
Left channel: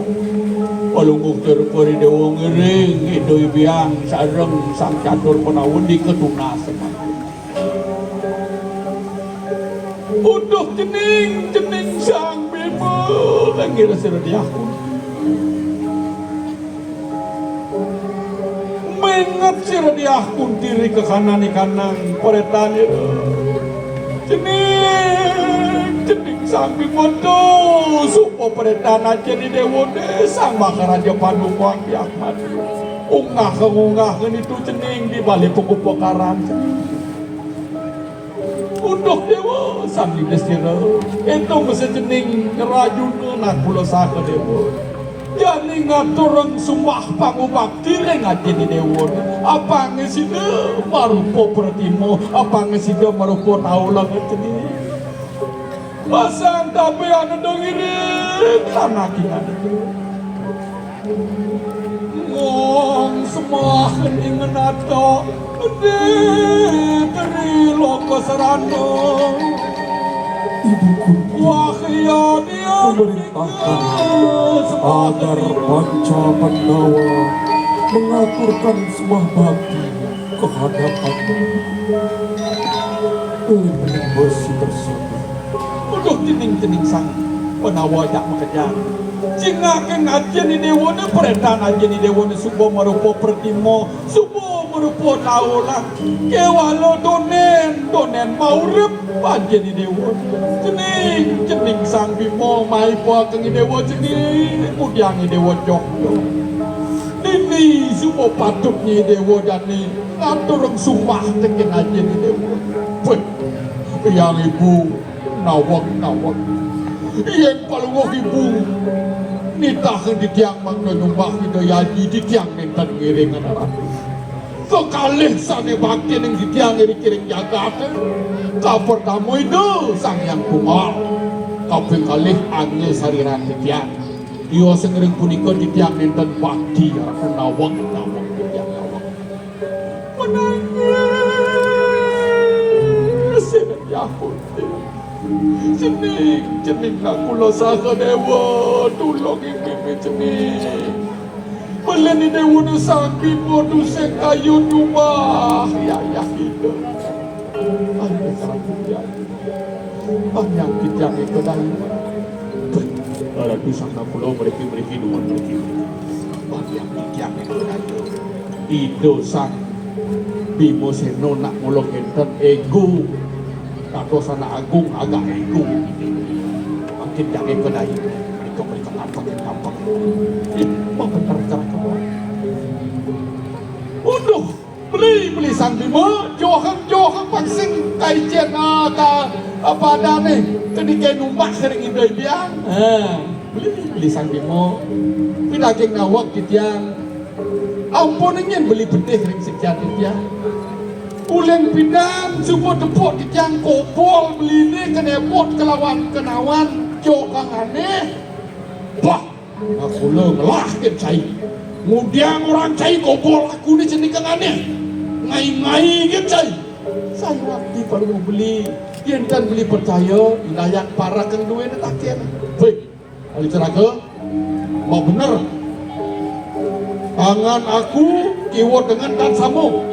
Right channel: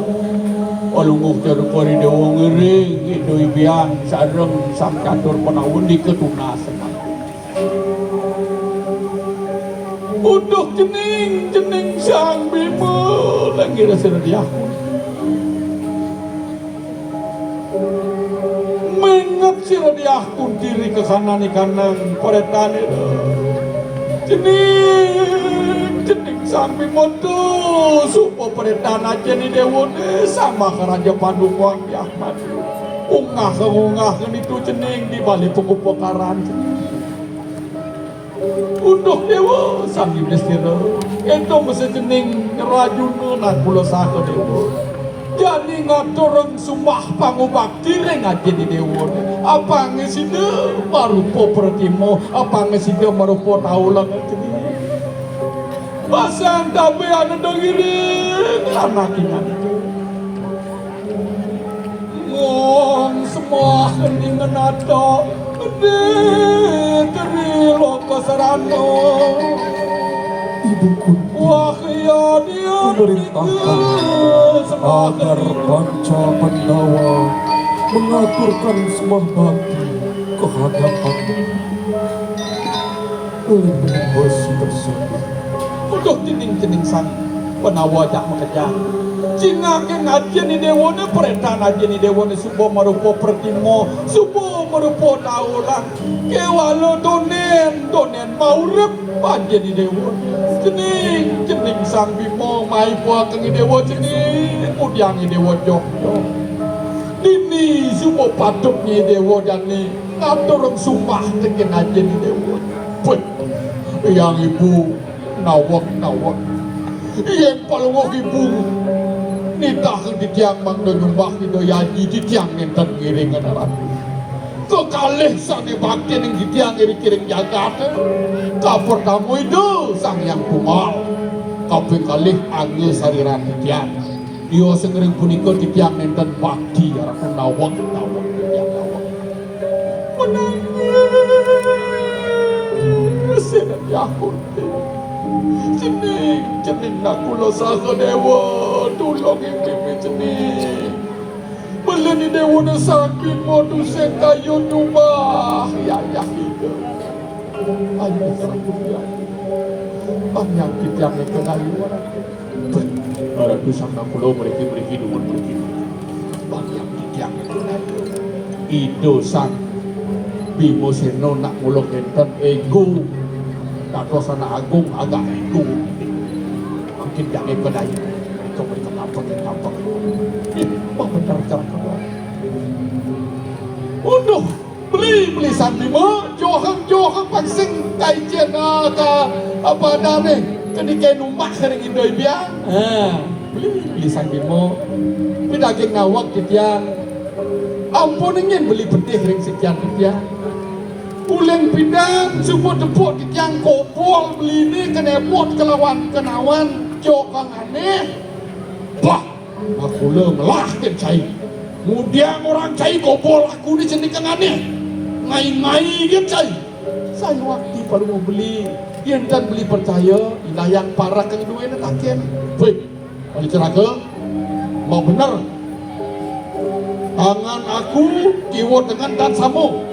Alungguh terpori dewa ngering idoi biang sareng sang catur penawun di ketunasan. Udah jening sang Bima lagi rasa diaku. Mengat sira diakum diri ke kanan peretan itu. Jening sang Bima tuh supo peretan aja di dewa sang bakar aja padukuang diakan. Ungah itu jening di balik tuku pokaran. Untuk dewa sang iblisira itu mesti jening rajun nan pulau satu dewa. Jadi ngaturang sumpah pangubakti ngaji di dewa. Apa ngesida marupo pertimo, apa ngesida marupo taulang ini. Basan tapi ada dong ini lama kina. Ngong semua keningan atau teri loko serano. Ibuku Wahya dia memerintahkan agar Panca Pandawa mengaturkan sembah bakti kehadapan lempengan besi tersebut. Udah jening sang penawa jak mengejar. Cingakan aja ni dewa ni peretan aja ni dewa ni subo marupo pertimo, subo marupo taulang. Kewalo donen maurep aja ni dewa. Jening sang Bima mai po kang dewa jening udiang ni dewa jok. Ini subo patutnya dewa dan ni ngaturang sumpah teken aja ni dewa. Yang ibu nawak. Yang paling ibu nitahan di tiang mangdangan bakti doyaji di tiang nentan ngiringan arah. Kekalih sang bakti yang di tiang ngiring jagat. Kapor tamu itu sang yang bunga. Kapor kalih angin sariran di tiang. Iyo sengering punika di tiang nentan bakti aku nawak di tiang nawak. Mesin aku. Jening nak kula saka dewa tu tulong ini jenis. Belani dewa sakit modu sekayu rumah ya itu. Ayo seratu ya. Penyakit yang kedai. Aku sangka pulau mereka dua mereka. Penyakit yang kedai. Itu sang Bimo Seno nak muluk enten ego. Atau sana agung agak ego. Mungkin yang kedai. Mereka apa. Ini benar cakap. Udah beli sang Bimo johang pangsing kaijen apa ada nih ketika numbak sering indai biang beli sang Bimo daging nawak kitiang ampun ingin beli bedih ring sekian rupiah ulen bidang semua depok kitiang kopol beli ini kena emot kenawan jokang aneh bah aku lah cai kemudian orang cai kopol aku ni cendikan aneh ngai gitu cai saya waktu kalau mau beli dia kan beli percaya ina yang parah kang duwe nak taken hei kalau ceraga mau benar tangan aku kiwat dengan dan samu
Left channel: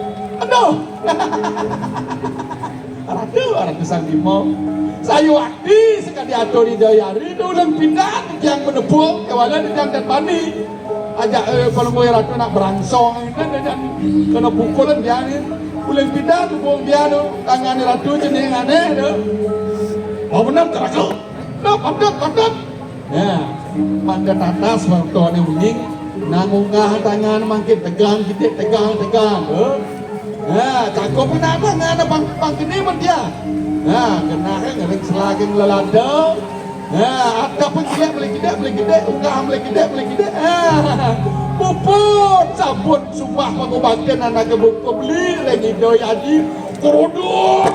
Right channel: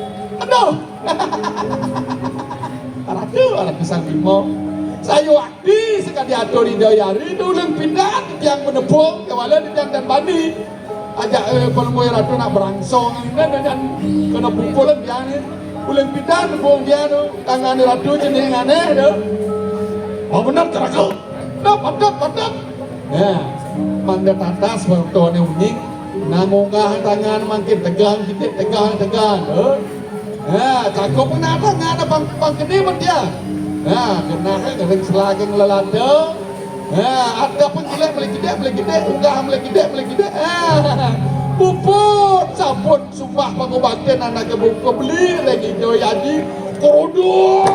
aduh orang kesan Bimo saya waktu sekali atur di dayari ulang pindah yang menepuk kewalan yang dan bani ajak kalau mau ratu nak berangsong ini dan kena pukulan dia ni ulang pindah pun dia tu tangan ratu jenis aneh tu mau benar ceraga mantap manda tatas waktu ni uning namungah tangan makin tegang kita tegang cakap pun ada tangan bang kini pun dia kena kadang selageng lelada ada pun siap beli gede unggahan beli gede puput sabun sumpah pengobatan anak kebuka beli lagi jauh haji korodok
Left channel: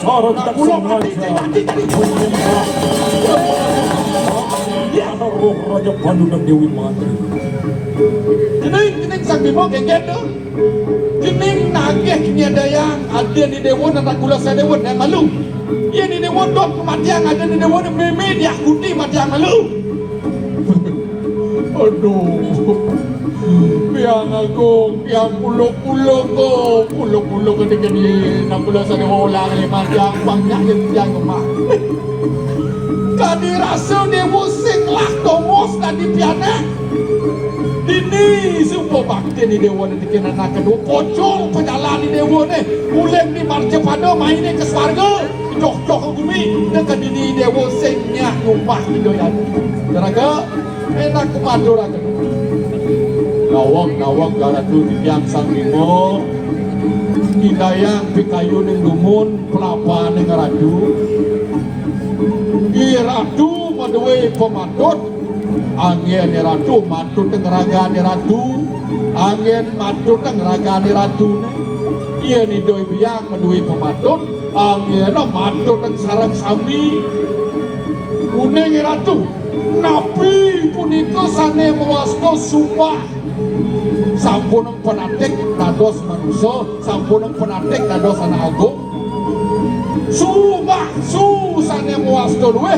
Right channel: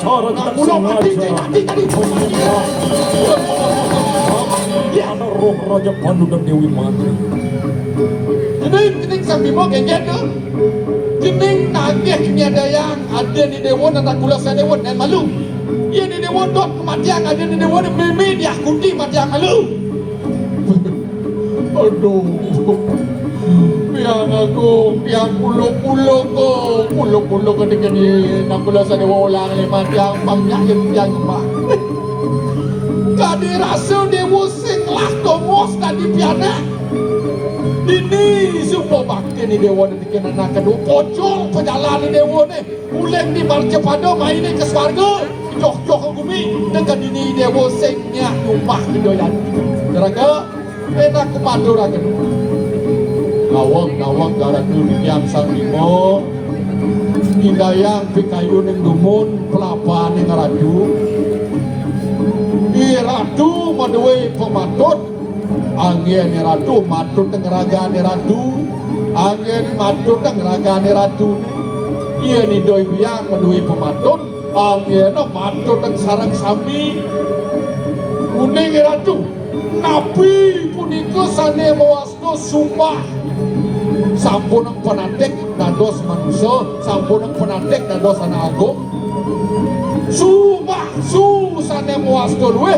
cara tak sengaja ada roh Raja Pandu dan Dewi Matri. Kening sang Bimo kengket tu kening nagih nyadayang ada di dewa nata gula sedewa dan malu ia di dewa dot matiang ada di dewa dan meme dia kuti matiang malu aduh biang aku biang pulo ko di nata gula sedewa ulang lima jam banyak yang mah kadi rasa dewa sing lah tomos tadi piana ini semua bakti ni dewa ni dikenal nak kedua pocong pejalan ni dewa ni ulen ni barca pada main ni ke swarga jok ke bumi dengan ini dewa sengnya rumah ni doyan teraga enak kemadu raga nawang garatu yang sang Bimo hidayang pikayu ni dumun pelapa ni ngaradu iratu maduwe pematut angin ratu matut tengeraga ni ratu angin matut tengeraga ni ratu ia ni doi biak madui pematut angin matut teng sarang sambi kuning ratu napi punika sane mewasno sumpah sampun penatik dados manusia sampun penatik dados anak agung sumpah sane muasto duwe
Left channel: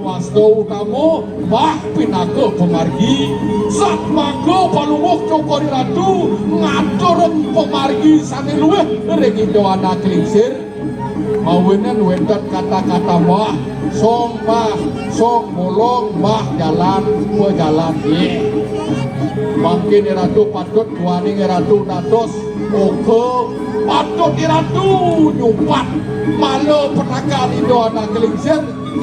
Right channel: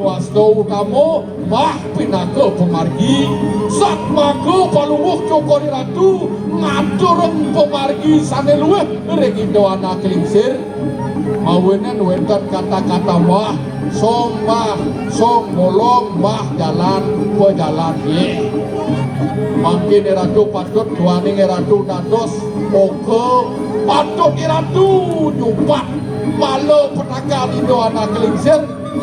muasto utama mah pinaka pemargi sat mago palumuh ke kori ratu ngatureng pemargi sane luwe regindo anak klingsir awenan wendat kata-kata wah song molong wah jalan gua jalan makin ratu patut tuaning ratu dados oke patut ratu nyumpat malo penagal indo anak klingsir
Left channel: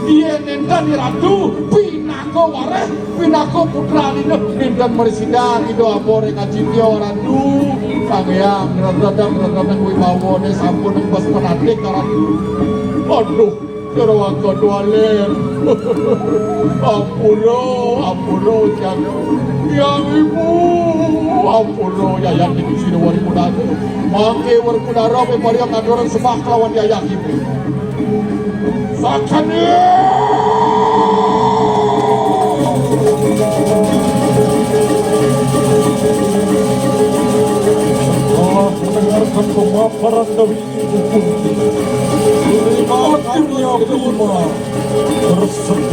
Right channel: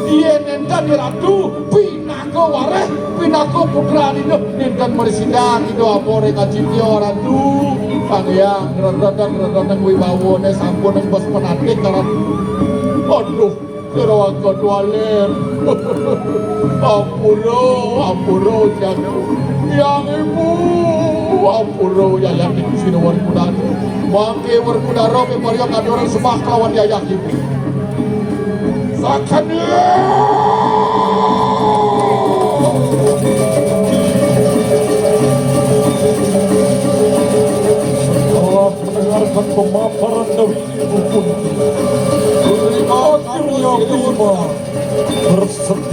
dia nenda di ratu pinako wareh pinako putra indo dan bersidang indo apore ngajitio ratu pangyang redang wibawone sampun bos penatik ratu aduh kerawan kedua lem ampuro jangan yang ibu ampuro yang ibu sini wali muda mangke berkuda robi maria kaduri sembah kawan yayak ibu sakane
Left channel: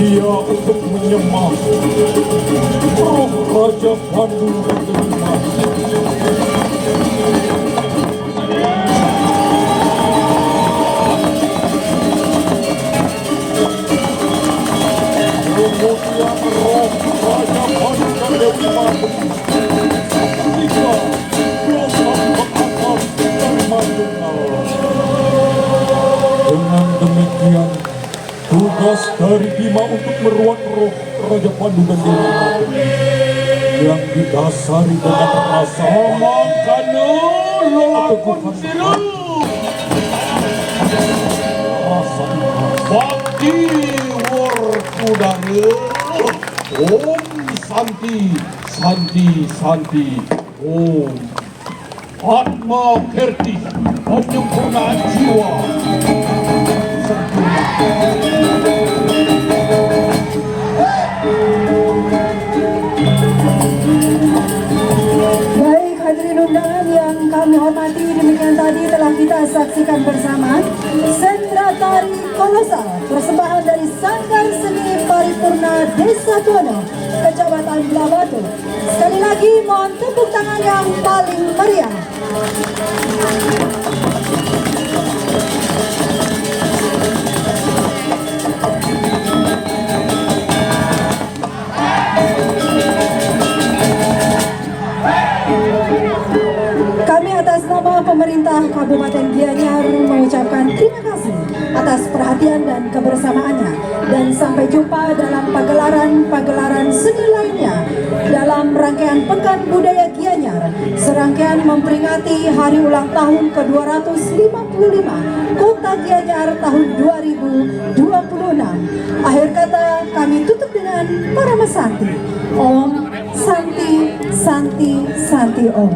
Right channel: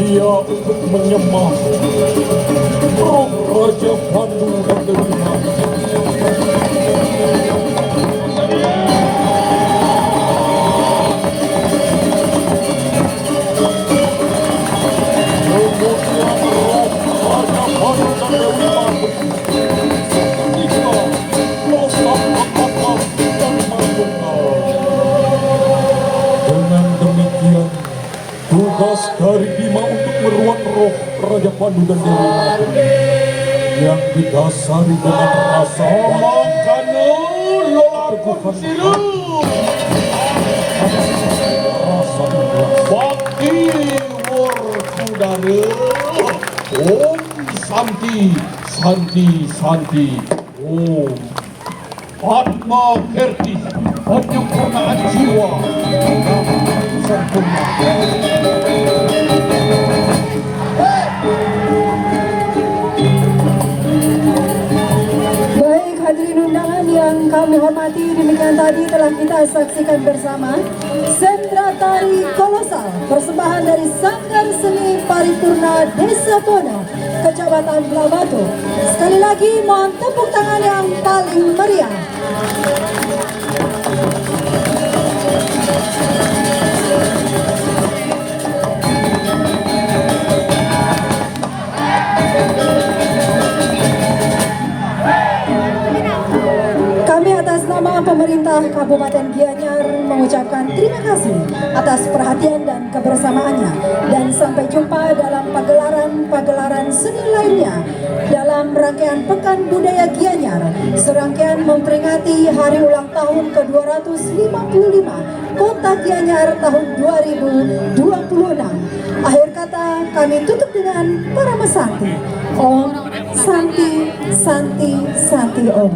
bersedia untuk menyembah roh Raja Pandu dan Dewi Mati. Dengan demikian, tugas dari Bima untuk meruat roh Raja Pandu dan Dewi Mati yang didasari dengan rasa Kano lolong siru. rasa ikhlas. Bakti wur saudara. Om Santi, Santi, Santi. Om Atma Kirti, Penyempurna jiwa. Sempurna. Baik hadirin undangan yang kami hormati, demikian tadi telah kita saksikan bersama Sentra Tari Kolosal, persembahan dari Sanggar Seni Paripurna Desa Tono, Kecamatan Blabatu. Sekali lagi mohon tepuk tangan yang paling meriah. Kami atas nama pemerintah Kabupaten Gianyar mengucapkan terima kasih atas perhatian dan kebersamaannya, dan sampai jumpa dalam pagelaran seni lainnya dalam rangkaian Pekan Budaya Gianyar, serangkaian memperingati hari ulang tahun ke-255 Kota Gianyar tahun 2026. Akhir kata kami tutup dengan Parama Santi. Om Santi, Santi, Santi Om.